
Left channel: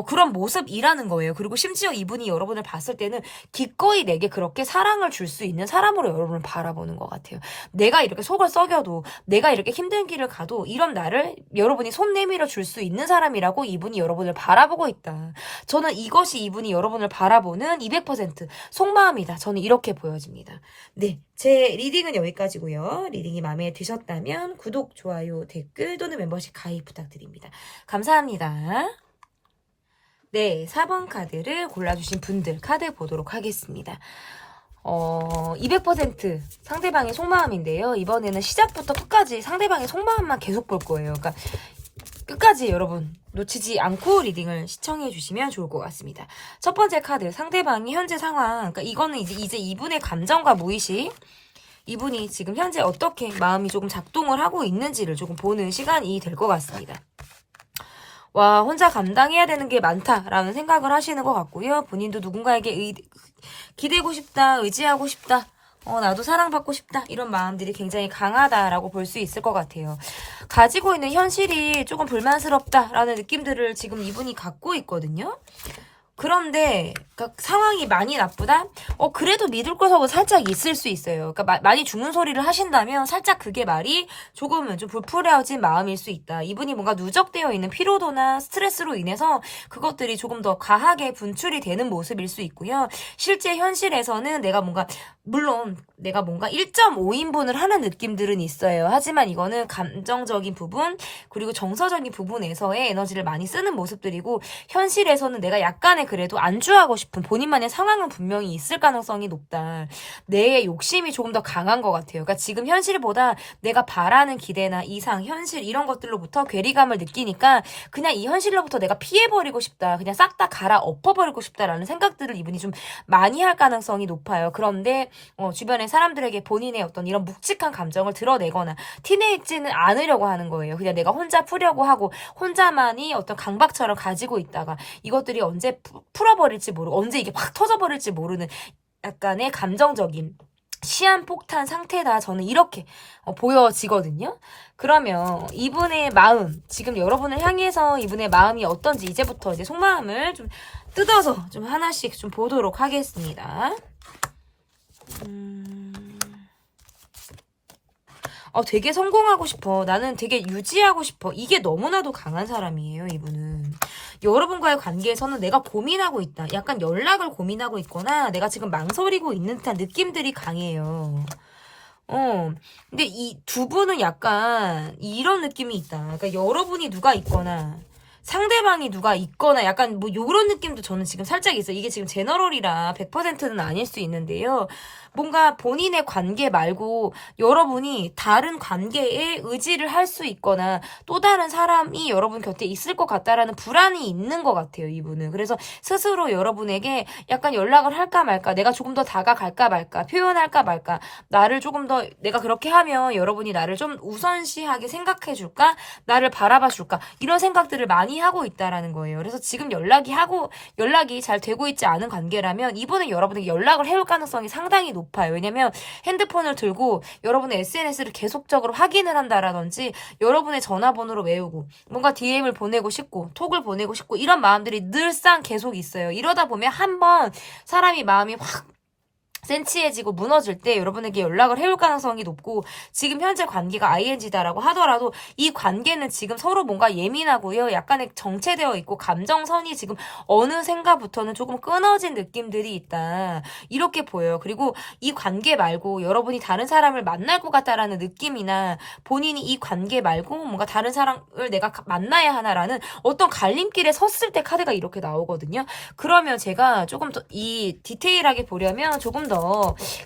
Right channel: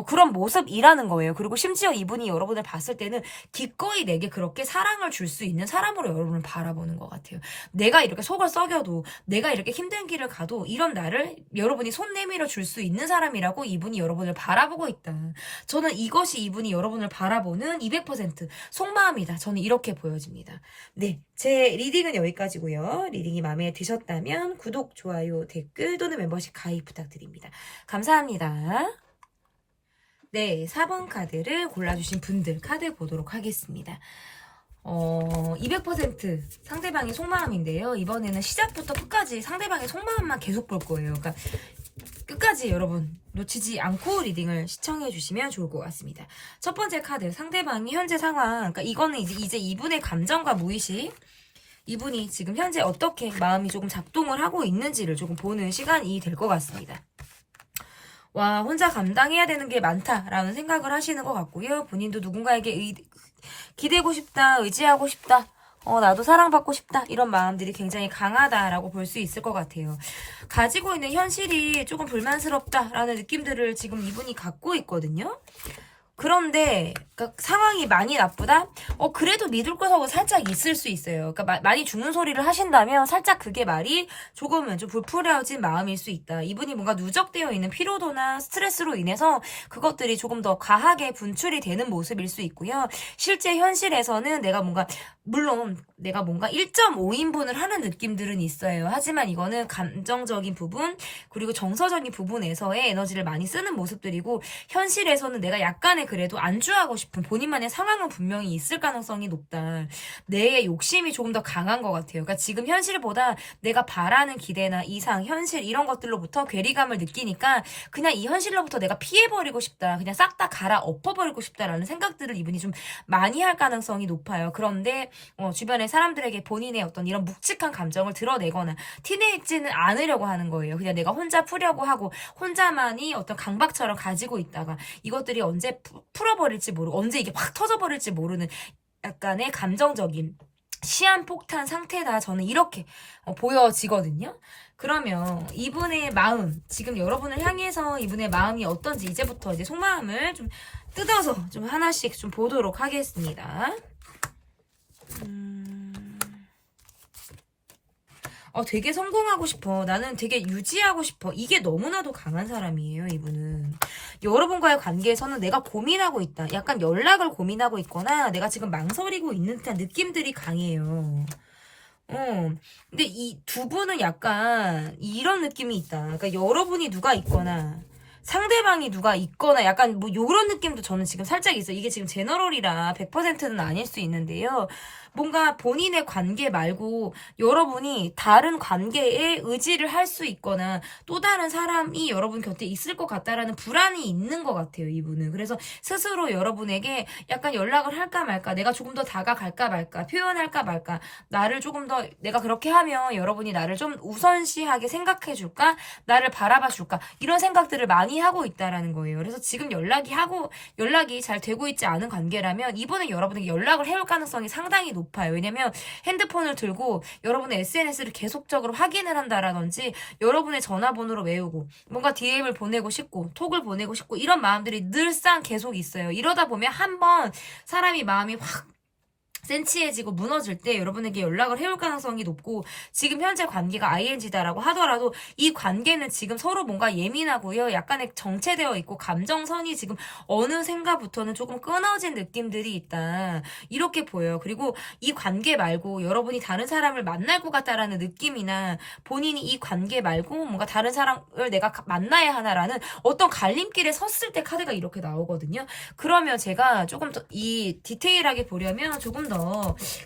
그런 모습이라는 거예요. 그리고 심지어 이분이 여러분을 봤을 때는 기꺼이 내게 그렇게 사랑을 줄 수 있는 사람으로 여러분을 바라보는 것 같아요. 내가 이렇게 속을 썩여도, 내가 이렇게 힘든 길을 가도 이런 나를 여러분이 손 내밀어 줄 수 있는 사람이라고 이분이 여러분을 바라보고 있다. 저는 이것이 이분이 여러분을 바라보는 200% 속마음이다. 저는 이렇게 보여집니다. 네, 제 리딩은 여기까지고요. 리딩이 마음에 드셨다면 구독, 좋아요, 댓글 또는 멤버십 가입 부탁드립니다. 감사합니다. 네, 4번 카드를 골라주신 분들 카드 보도록 하겠습니다. 200% 상대방의 속마음인데요. 이번에는 시작부터 끝까지 상대방의 속마음만 계속 볼 거예요. 그러니까 끝까지 여러분 놓치지 않고 리딩을 시청해 주시면 좋을 것 같습니다. 첫 번째 카드, 상대방의 현재 상황. 그러니까 이거는 이제 이분의 감정과 무의식, 이분이 지금 현재 어떻게 마음이 조금 작동을 하고 있는지를 조금 보는 시간이 될 것 같습니다. 와, 혼자 감당해야 되는 게 많다라는 생각을 하시는 것 같고요. 본인도 누군가에게 기대고 싶다, 의지하고 싶다, 나도 사랑받고 싶다, 이런 마음들이 굉장히 강하다라고 볼 수 있을 것 같아요. 가지고 있는 현실이 조금 불만스럽다라는 느낌들을 지금 이분이 갖고 있거든요. 그런데 그러니까 상황이 많이 나쁘다? 그래도 믿을 구석은 살짝 있을 수 있어요. 그러니까 많이 죽는 소리를 하신다면 살짝 그게 말이 조금은 좀 불풀어진 마음일 수 있다. 이분이 뭔가 누적되어 있는 피로도나 스트레스로 인해서 그것들이 조금 더 과하게 분출이 되는 모습일 수 있고요. 실제 현실에서는 물론 내가 뭔가 1.5인분을 하는 느낌들은 있어요. 하지만 이거는 감정적인 부분 그리고 정서적인 부분에서의 에너지를 많이 쓰는 모습들이고 현실에서는 내가 약간의 그래도 안주하고 싶은 본인만의 상황은 분명히 있을 가능성이 높다. 내 욕심이 조금 더 강한 것 같아요. 그러니까 지금 현실보다 내가 바라는 기대나 이상, 현실 이런 것들로부터 괴리감을 느끼니까 그냥 이 현실로부터 내가 피해버리고 싶다. 그냥 싹 다 갈아 엎어버리고 싶다라는 생각들을 이분이 좀 많이 할 가능성이 높아요. 그런데 주변의 사람들에게 본인의 어떤 이런 묵직한 감정을 드러내거나 티내지는 않으려고 하는 거예요. 그냥 내가 혼자 풀려고 하고 혼자만이 어떤 강박처럼 가지고 있다가 이것들이 언제 풀어버릴지 모르고 언제 이게 확 터져버릴지 모르는 약간의 감정적인 시한폭탄 상태다. 저는 이렇게 보여지거든요. 그러면 이분의 마음, 지금 여러분을 향해서 이분의 마음이 어떤지 이제부터 이제 속마음을 좀 뜯어서 좀 하나씩 좀 보도록 하겠습니다. 되게 성공하고 싶어. 나는 되게 유지하고 싶어. 이게 너무나도 강한 사람이에요, 이분은. 여러분과의 관계에서는 내가 고민하고 있다. 약간 연락을 고민하고 있거나 내가 지금 망설이고 있는 듯한 느낌들이 강해요. 근데 이 두 분은 약간 이런 느낌이 있다. 그러니까 여러분이 누가 있거나 상대방이 누가 있거나 약간 뭐 요런 느낌도 저는 지금 살짝 있어요. 이게 지금 제너럴이라 100%는 아닐 수 있는데요. 뭔가 본인의 관계 말고 여러분이 다른 관계에 의지를 할 수 있거나 또 다른 사람이 여러분 곁에 있을 것 같다라는 불안이 있는 것 같아요, 이분은. 그래서 스스로 여러분에게 약간 연락을 할까 말까, 내가 조금 더 다가갈까 말까, 표현할까 말까, 나를 조금 더 내가 그렇게 하면 여러분이 나를 좀 우선시하게 생각해 줄까, 나를 바라봐 줄까, 이런 생각들을 많이 하고 있다라는 거예요. 그래서 지금 연락이 잘 되고 있지 않은 관계라면 이분은 여러분에게 연락을 해올 가능성이 상당히 높아요. 왜냐면 핸드폰을 들고 여러분의 SNS를 계속적으로 확인을 한다라든지 여러분의 전화번호를 외우고 뭔가 DM을 보내고 싶고 톡을 보내고 싶고 이런 마음들이 늘상 계속 있어요. 이러다 보면 한번 사람이 마음이 확 센치해지고 무너질 때 여러분에게 연락을 해올 가능성이 높고 지금 현재 관계가 ING다라고 하더라도 이 관계는 지금 서로 뭔가 예민하고요. 약간의 정체되어 있고 감정선이 지금 어느샌가부터는 조금 끊어진 느낌들이 있다. 이렇게 보여요. 그리고 이 관계 말고 여러분이 다른 사람을 만날 것 같다라는 느낌이나 본인이 이 관계 말고 뭔가 다른 사람을 내가 만나야 하나라는 어떤 갈림길에 섰을 때 카드가 이렇게 나오거든요. 그러면 제가 조금 더 이 디테일하게 보려면 조금 더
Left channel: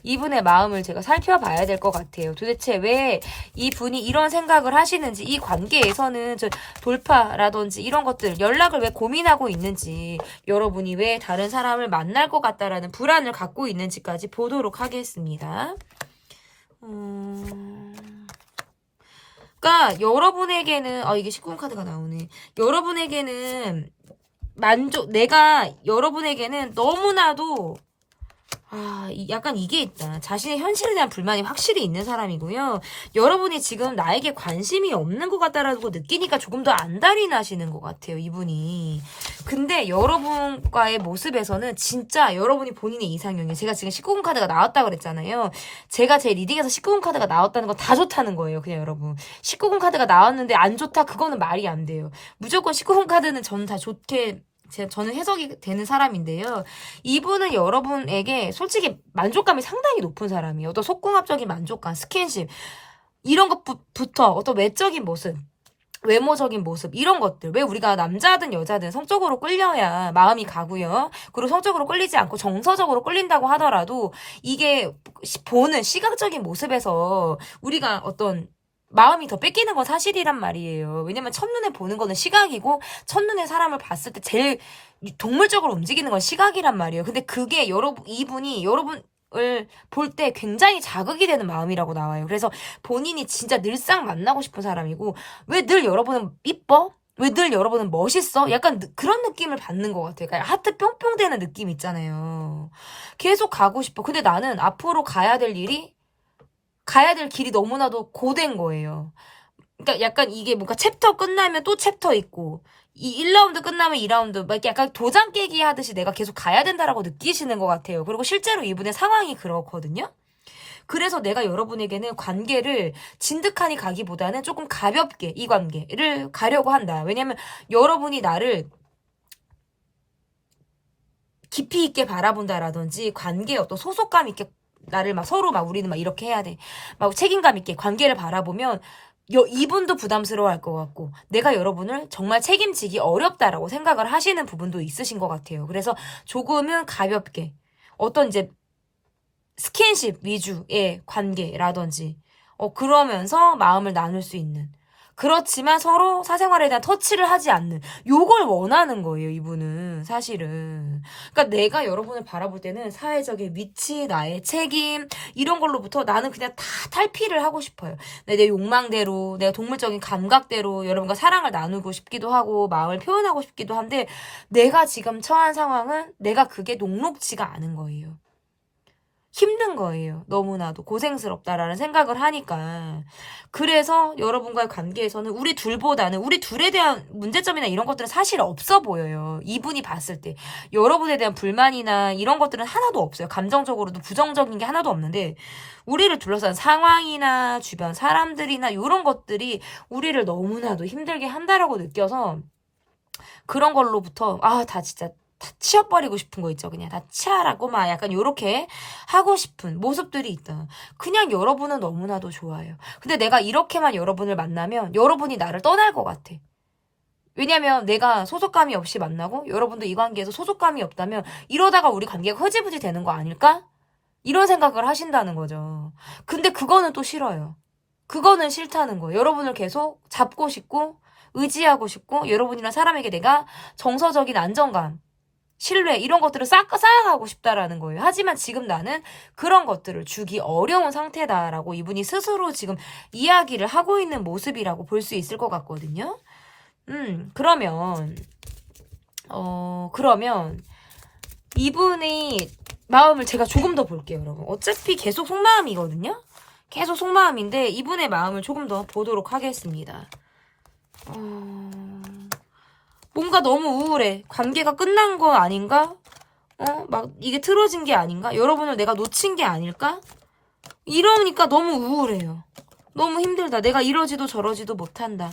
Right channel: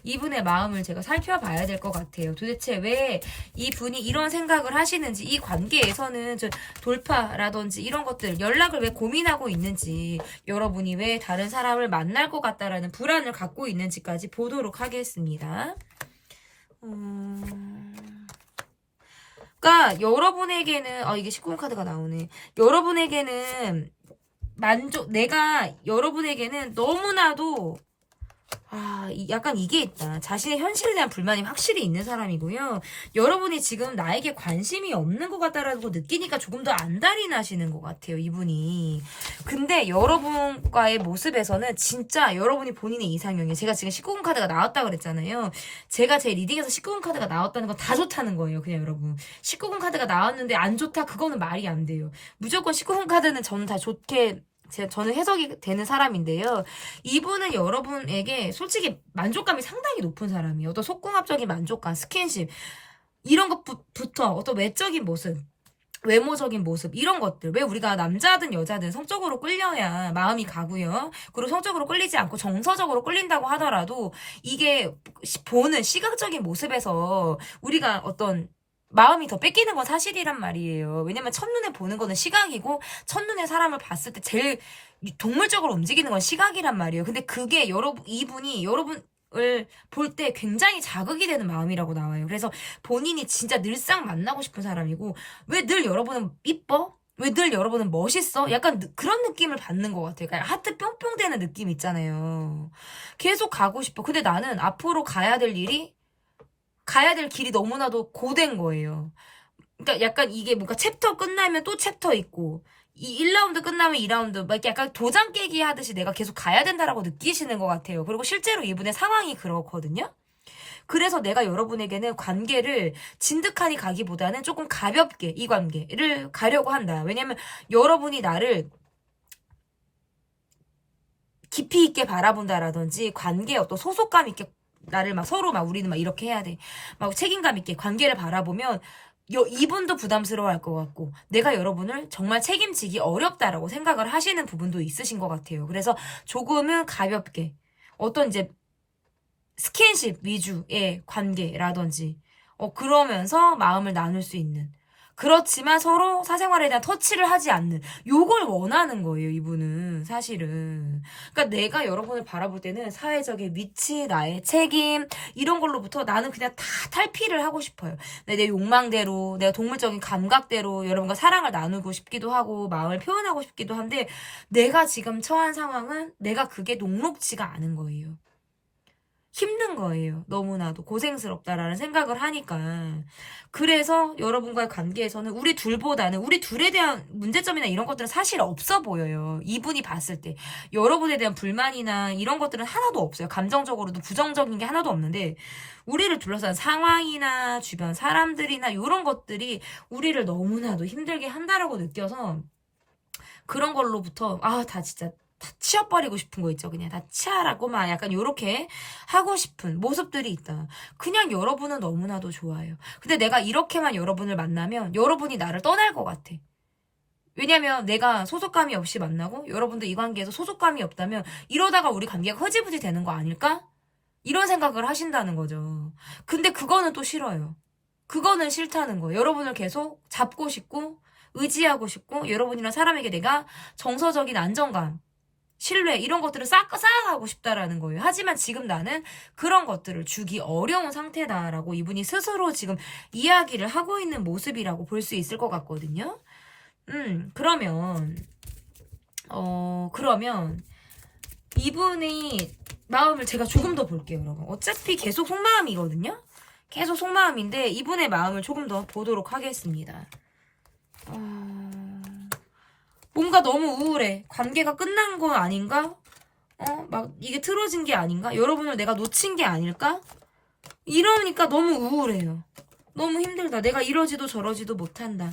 이분의 마음을 제가 살펴봐야 될 것 같아요. 도대체 왜 이분이 이런 생각을 하시는지, 이 관계에서는 돌파라든지 이런 것들, 연락을 왜 고민하고 있는지, 여러분이 왜 다른 사람을 만날 것 같다라는 불안을 갖고 있는지까지 보도록 하겠습니다. 그러니까 여러분에게는 이게 19금 카드가 나오네. 여러분에게는 내가 여러분에게는 너무나도 약간 이게 있다. 자신의 현실에 대한 불만이 확실히 있는 사람이고요. 여러분이 지금 나에게 관심이 없는 것 같다라고 느끼니까 조금 더 안달이 나시는 것 같아요, 이분이. 근데 여러분과의 모습에서는 진짜 여러분이 본인의 이상형이에요. 제가 지금 19금 카드가 나왔다고 그랬잖아요. 제가 제 리딩에서 19금 카드가 나왔다는 건 다 좋다는 거예요, 그냥 여러분. 19금 카드가 나왔는데 안 좋다? 그거는 말이 안 돼요. 무조건 19금 카드는 저는 다 좋게 저는 해석이 되는 사람인데요. 이분은 여러분에게 솔직히 만족감이 상당히 높은 사람이에요. 어떤 속궁합적인 만족감, 스킨십 이런 것부터 어떤 외적인 모습, 외모적인 모습 이런 것들. 왜 우리가 남자든 여자든 성적으로 끌려야 마음이 가고요. 그리고 성적으로 끌리지 않고 정서적으로 끌린다고 하더라도 이게 보는 시각적인 모습에서 우리가 어떤 마음이 더 뺏기는 건 사실이란 말이에요. 왜냐면 첫눈에 보는 거는 시각이고 첫눈에 사람을 봤을 때 제일 동물적으로 움직이는 건 시각이란 말이에요. 근데 그게 이분이 여러분을 볼 때 굉장히 자극이 되는 마음이라고 나와요. 그래서 본인이 진짜 늘상 만나고 싶은 사람이고 왜 늘 여러분은 이뻐? 왜 늘 여러분은 멋있어? 약간 그런 느낌을 받는 것 같아요. 그러니까 하트 뿅뿅 되는 느낌 있잖아요. 계속 가고 싶어. 근데 나는 앞으로 가야 될 길이 너무나도 고된 거예요. 그러니까 약간 이게 뭔가 챕터 끝나면 또 챕터 있고 이 1라운드 끝나면 2라운드 막 이렇게 약간 도장 깨기 하듯이 내가 계속 가야 된다라고 느끼시는 것 같아요. 그리고 실제로 이분의 상황이 그렇거든요. 그래서 내가 여러분에게는 관계를 진득하니 가기보다는 조금 가볍게 이 관계를 가려고 한다. 왜냐면 여러분이 나를 깊이 있게 바라본다라든지 관계에 어떤 소속감 있게 나를 막 서로 막 우리는 막 이렇게 해야 돼. 막 책임감 있게 관계를 바라보면 이분도 부담스러워할 것 같고 내가 여러분을 정말 책임지기 어렵다라고 생각을 하시는 부분도 있으신 것 같아요. 그래서 조금은 가볍게 어떤 이제 스킨십 위주의 관계라든지 그러면서 마음을 나눌 수 있는 그렇지만 서로 사생활에 대한 터치를 하지 않는 요걸 원하는 거예요, 이분은 사실은. 그러니까 내가 여러분을 바라볼 때는 사회적인 위치, 나의 책임 이런 걸로부터 나는 그냥 다 탈피를 하고 싶어요. 내 욕망대로, 내가 동물적인 감각대로 여러분과 사랑을 나누고 싶기도 하고 마음을 표현하고 싶기도 한데 내가 지금 처한 상황은 내가 그게 녹록지가 않은 거예요. 힘든 거예요. 너무나도 고생스럽다라는 생각을 하니까. 그래서 여러분과의 관계에서는 우리 둘보다는 우리 둘에 대한 문제점이나 이런 것들은 사실 없어 보여요. 이분이 봤을 때. 여러분에 대한 불만이나 이런 것들은 하나도 없어요. 감정적으로도 부정적인 게 하나도 없는데 우리를 둘러싼 상황이나 주변 사람들이나 이런 것들이 우리를 너무나도 힘들게 한다라고 느껴서 그런 걸로부터 다 진짜 다 치워버리고 싶은 거 있죠. 그냥 다 치아라고 막 약간 요렇게 하고 싶은 모습들이 있다. 그냥 여러분은 너무나도 좋아요. 근데 내가 이렇게만 여러분을 만나면 여러분이 나를 떠날 것 같아. 왜냐면 내가 소속감이 없이 만나고 여러분도 이 관계에서 소속감이 없다면 이러다가 우리 관계가 흐지부지 되는 거 아닐까? 이런 생각을 하신다는 거죠. 근데 그거는 또 싫어요. 그거는 싫다는 거예요. 여러분을 계속 잡고 싶고 의지하고 싶고 여러분이란 사람에게 내가 정서적인 안정감 신뢰 이런 것들을 쌓아가고 싶다라는 거예요. 하지만 지금 나는 그런 것들을 주기 어려운 상태다라고 이분이 스스로 지금 이야기를 하고 있는 모습이라고 볼 수 있을 것 같거든요. 그러면 이분의 마음을 제가 조금 더 볼게요, 여러분. 어차피 계속 속마음이거든요. 계속 속마음인데 이분의 마음을 조금 더 보도록 하겠습니다. 뭔가 너무 우울해. 관계가 끝난 거 아닌가? 막 이게 틀어진 게 아닌가? 여러분을 내가 놓친 게 아닐까? 이러니까 너무 우울해요. 너무 힘들다. 내가 이러지도 저러지도 못한다.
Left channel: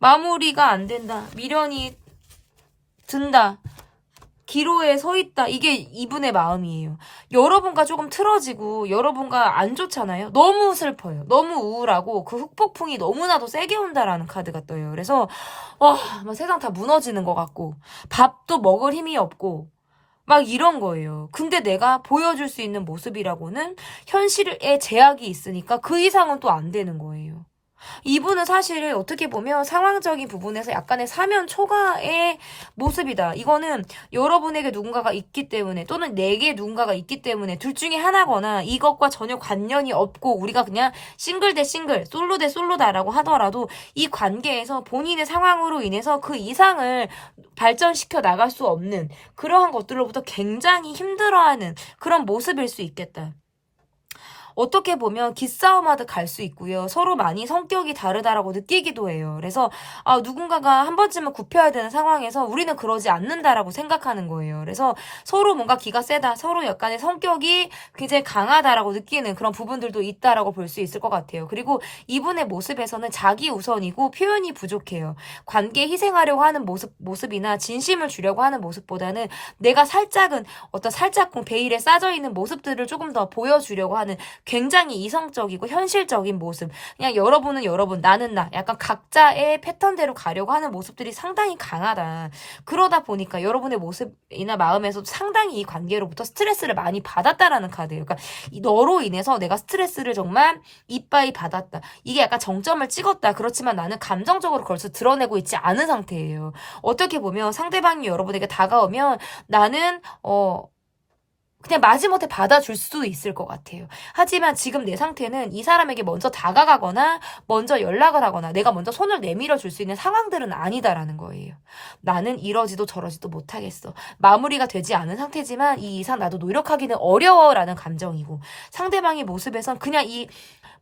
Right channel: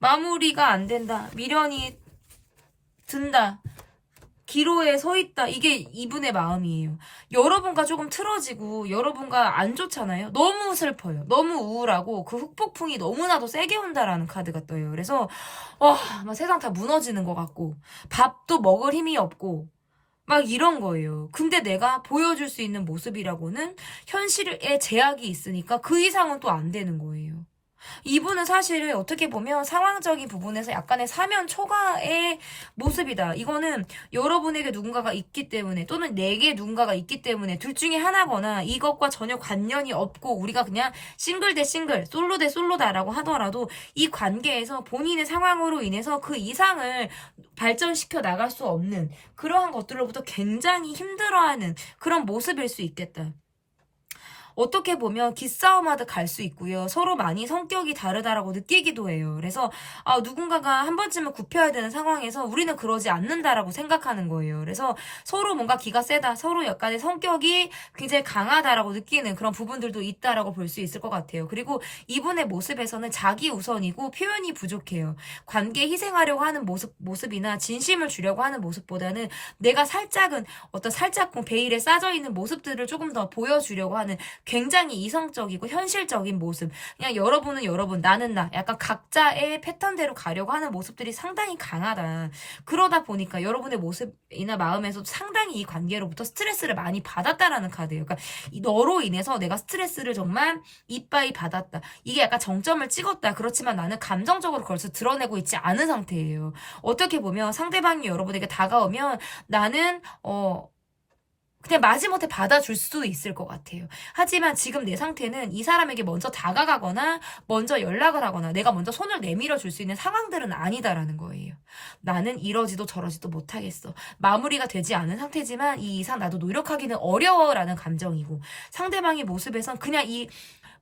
마무리가 안 된다. 미련이 든다. 기로에 서 있다. 이게 이분의 마음이에요. 여러분과 조금 틀어지고 여러분과 안 좋잖아요. 너무 슬퍼요. 너무 우울하고 그 흑폭풍이 너무나도 세게 온다라는 카드가 떠요. 그래서 막 세상 다 무너지는 것 같고 밥도 먹을 힘이 없고 막 이런 거예요. 근데 내가 보여줄 수 있는 모습이라고는 현실에 제약이 있으니까 그 이상은 또 안 되는 거예요. 이분은 사실 어떻게 보면 상황적인 부분에서 약간의 사면 초과의 모습이다. 이거는 여러분에게 누군가가 있기 때문에 또는 내게 누군가가 있기 때문에 둘 중에 하나거나 이것과 전혀 관련이 없고 우리가 그냥 싱글 대 싱글, 솔로 대 솔로다라고 하더라도 이 관계에서 본인의 상황으로 인해서 그 이상을 발전시켜 나갈 수 없는 그러한 것들로부터 굉장히 힘들어하는 그런 모습일 수 있겠다. 어떻게 보면 기싸움하듯 갈 수 있고요. 서로 많이 성격이 다르다라고 느끼기도 해요. 그래서 누군가가 한 번쯤은 굽혀야 되는 상황에서 우리는 그러지 않는다라고 생각하는 거예요. 그래서 서로 뭔가 기가 세다, 서로 약간의 성격이 굉장히 강하다라고 느끼는 그런 부분들도 있다라고 볼 수 있을 것 같아요. 그리고 이분의 모습에서는 자기 우선이고 표현이 부족해요. 관계에 희생하려고 하는 모습이나 진심을 주려고 하는 모습보다는 내가 살짝은 어떤 살짝쿵 베일에 싸져 있는 모습들을 조금 더 보여주려고 하는 굉장히 이성적이고 현실적인 모습. 그냥 여러분은 여러분, 나는 나. 약간 각자의 패턴대로 가려고 하는 모습들이 상당히 강하다. 그러다 보니까 여러분의 모습이나 마음에서도 상당히 이 관계로부터 스트레스를 많이 받았다라는 카드예요. 그러니까 너로 인해서 내가 스트레스를 정말 이빠이 받았다. 이게 약간 정점을 찍었다. 그렇지만 나는 감정적으로 그걸 드러내고 있지 않은 상태예요. 어떻게 보면 상대방이 여러분에게 다가오면 나는 그냥 마지못해 받아줄 수도 있을 것 같아요. 하지만 지금 내 상태는 이 사람에게 먼저 다가가거나 먼저 연락을 하거나 내가 먼저 손을 내밀어 줄 수 있는 상황들은 아니다라는 거예요. 나는 이러지도 저러지도 못하겠어. 마무리가 되지 않은 상태지만 이 이상 나도 노력하기는 어려워라는 감정이고 상대방의 모습에선 그냥 이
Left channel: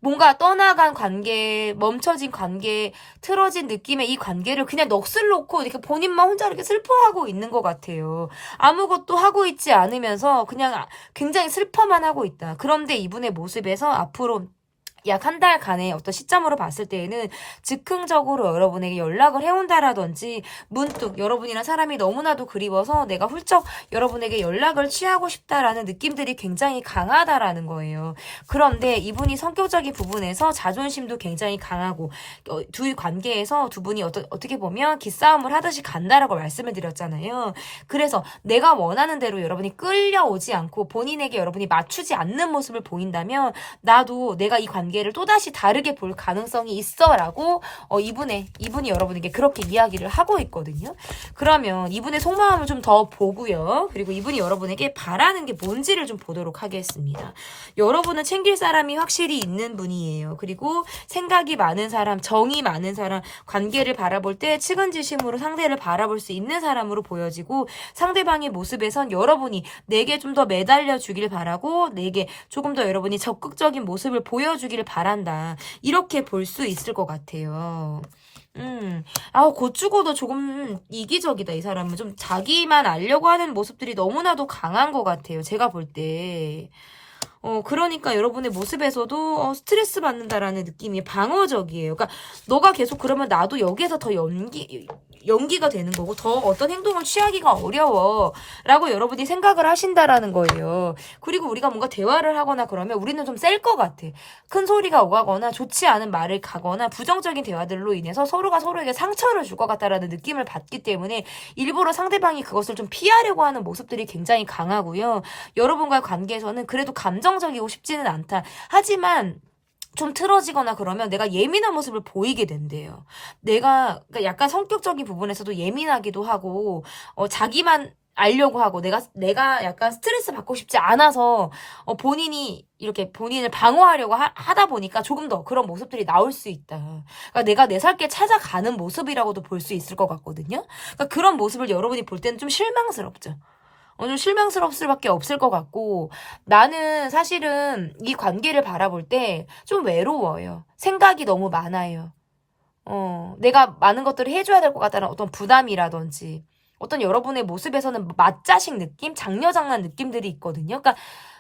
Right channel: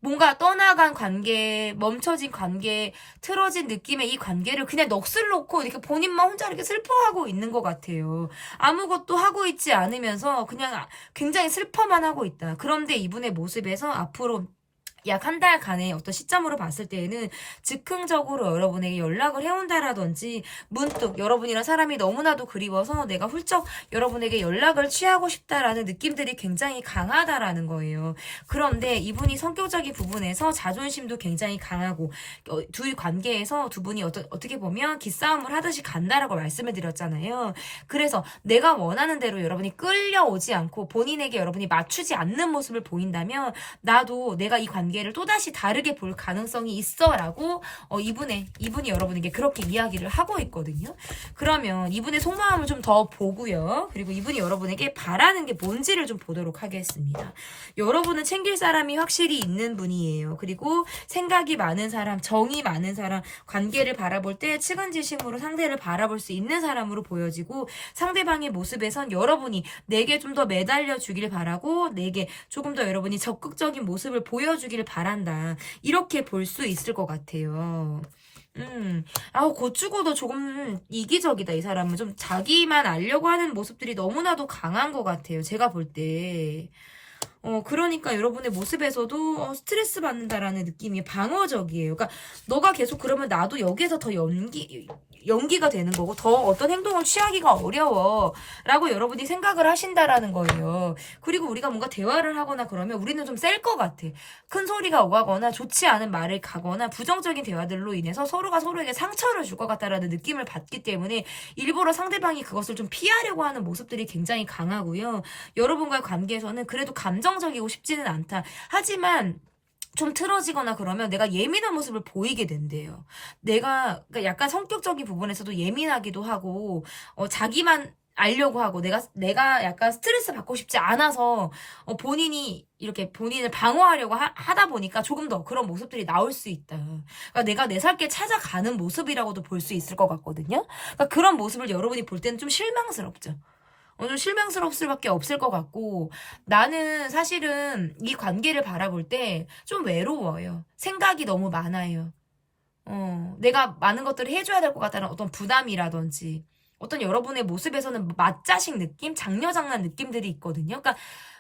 뭔가 떠나간 관계, 멈춰진 관계, 틀어진 느낌의 이 관계를 그냥 넋을 놓고 이렇게 본인만 혼자 이렇게 슬퍼하고 있는 것 같아요. 아무것도 하고 있지 않으면서 그냥 굉장히 슬퍼만 하고 있다. 그런데 이분의 모습에서 앞으로 약 한 달간의 어떤 시점으로 봤을 때에는 즉흥적으로 여러분에게 연락을 해온다라든지 문득 여러분이랑 사람이 너무나도 그리워서 내가 훌쩍 여러분에게 연락을 취하고 싶다라는 느낌들이 굉장히 강하다라는 거예요. 그런데 이분이 성격적인 부분에서 자존심도 굉장히 강하고 둘 관계에서 두 분이 어떻게 보면 기싸움을 하듯이 간다라고 말씀을 드렸잖아요. 그래서 내가 원하는 대로 여러분이 끌려오지 않고 본인에게 여러분이 맞추지 않는 모습을 보인다면 나도 내가 이 관계를 또다시 다르게 볼 가능성이 있어라고 이분이 여러분에게 그렇게 이야기를 하고 있거든요. 그러면 이분의 속마음을 좀 더 보고요. 그리고 이분이 여러분에게 바라는 게 뭔지를 좀 보도록 하겠습니다. 여러분은 챙길 사람이 확실히 있는 분이에요. 그리고 생각이 많은 사람, 정이 많은 사람, 관계를 바라볼 때 측은지심으로 상대를 바라볼 수 있는 사람으로 보여지고 상대방의 모습에선 여러분이 내게 좀 더 매달려 주길 바라고 내게 조금 더 여러분이 적극적인 모습을 보여주길 바란다. 이렇게 볼 수 있을 것 같아요. 곧 죽어도 조금 이기적이다, 이 사람은. 좀 자기만 알려고 하는 모습들이 너무나도 강한 것 같아요. 제가 볼 때. 그러니까 여러분의 모습에서도 스트레스 받는다라는 느낌이 방어적이에요. 그러니까 너가 계속 그러면 나도 여기에서 더 연기가 되는 거고 더 어떤 행동을 취하기가 어려워라고 여러분이 생각을 하신다라는 거예요. 그리고 우리가 뭔가 대화를 하거나 그러면 우리는 좀 셀 것 같아. 큰 소리가 오가거나 좋지 않은 말을 가거나 부정적인 대화들로 인해서 서로가 서로에게 상처를 줄 것 같다라는 느낌을 받기 때문에 일부러 상대방이 그것을 좀 피하려고 하는 모습들이 굉장히 강하고요. 여러분과의 관계에서는 그래도 감정적이고 싶지는 않다. 하지만 좀 틀어지거나 그러면 내가 예민한 모습을 보이게 된대요. 그러니까 약간 성격적인 부분에서도 예민하기도 하고, 자기만 알려고 하고, 내가 약간 스트레스 받고 싶지 않아서, 본인이 이렇게 본인을 방어하려고 하다 보니까 조금 더 그런 모습들이 나올 수 있다. 그러니까 내가 내 살길 찾아가는 모습이라고도 볼 수 있을 것 같거든요. 그러니까 그런 모습을 여러분이 볼 때는 좀 실망스럽죠. 좀 실망스러울 수밖에 없을 것 같고 나는 사실은 이 관계를 바라볼 때 좀 외로워요. 생각이 너무 많아요. 내가 많은 것들을 해줘야 될 것 같다는 어떤 부담이라든지 어떤 여러분의 모습에서는 맞자식 느낌, 장녀장난 느낌들이 있거든요. 그러니까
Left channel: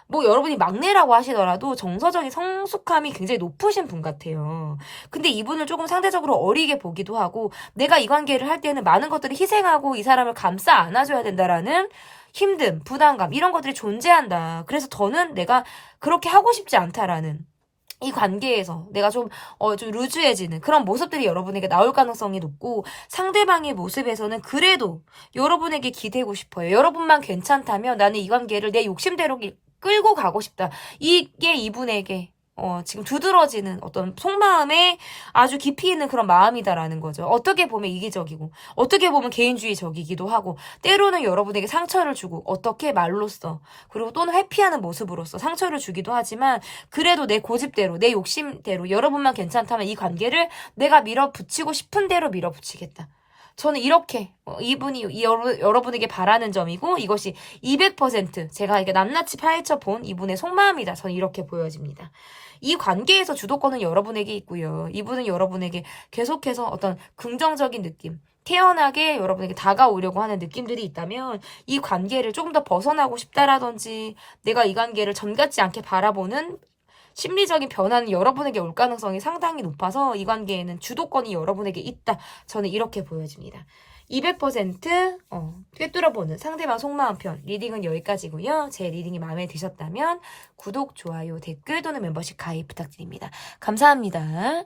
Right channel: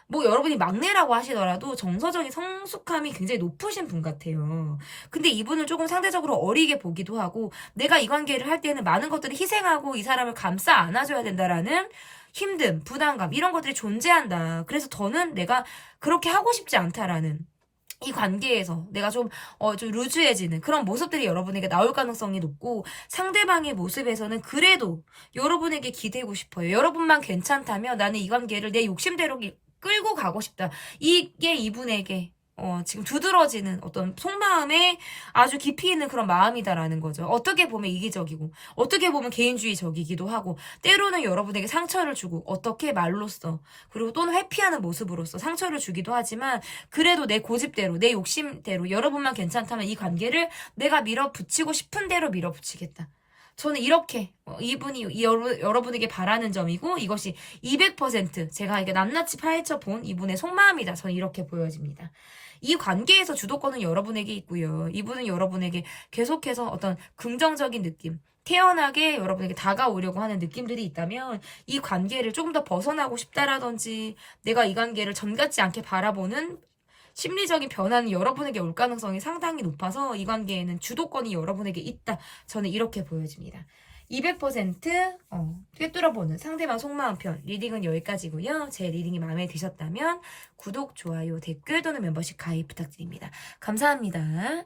뭐 여러분이 막내라고 하시더라도 정서적인 성숙함이 굉장히 높으신 분 같아요. 근데 이분은 조금 상대적으로 어리게 보기도 하고 내가 이 관계를 할 때는 많은 것들을 희생하고 이 사람을 감싸 안아줘야 된다라는 힘듦, 부담감 이런 것들이 존재한다. 그래서 더는 내가 그렇게 하고 싶지 않다라는 이 관계에서 내가 좀 루즈해지는 그런 모습들이 여러분에게 나올 가능성이 높고 상대방의 모습에서는 그래도 여러분에게 기대고 싶어요. 여러분만 괜찮다면 나는 이 관계를 내 욕심대로 끌고 가고 싶다. 이게 이분에게 지금 두드러지는 어떤 속마음에 아주 깊이 있는 그런 마음이다라는 거죠. 어떻게 보면 이기적이고, 어떻게 보면 개인주의적이기도 하고, 때로는 여러분에게 상처를 주고, 어떻게 말로써, 그리고 또는 회피하는 모습으로써 상처를 주기도 하지만, 그래도 내 고집대로, 내 욕심대로, 여러분만 괜찮다면 이 관계를 내가 밀어붙이고 싶은 대로 밀어붙이겠다. 저는 이렇게 이분이 여러분에게 바라는 점이고 이것이 200% 제가 이게 낱낱이 파헤쳐 본 이분의 속마음이다. 저는 이렇게 보여집니다. 이 관계에서 주도권은 여러분에게 있고요. 이분은 여러분에게 계속해서 어떤 긍정적인 느낌, 태연하게 여러분에게 다가오려고 하는 느낌들이 있다면 이 관계를 조금 더 벗어나고 싶다라든지 내가 이 관계를 전 같지 않게 바라보는 심리적인 변화는 여러분에게 올 가능성이 상당히 높아서 이 관계에는 주도권이 여러분에게 있다. 저는 이렇게 보여집니다. 200% 꿰뚫어보는 상대방 속마음 편 리딩은 여기까지고요. 제 리딩이 마음에 드셨다면 구독, 좋아요, 댓글 또는 멤버십 가입 부탁드립니다. 감사합니다.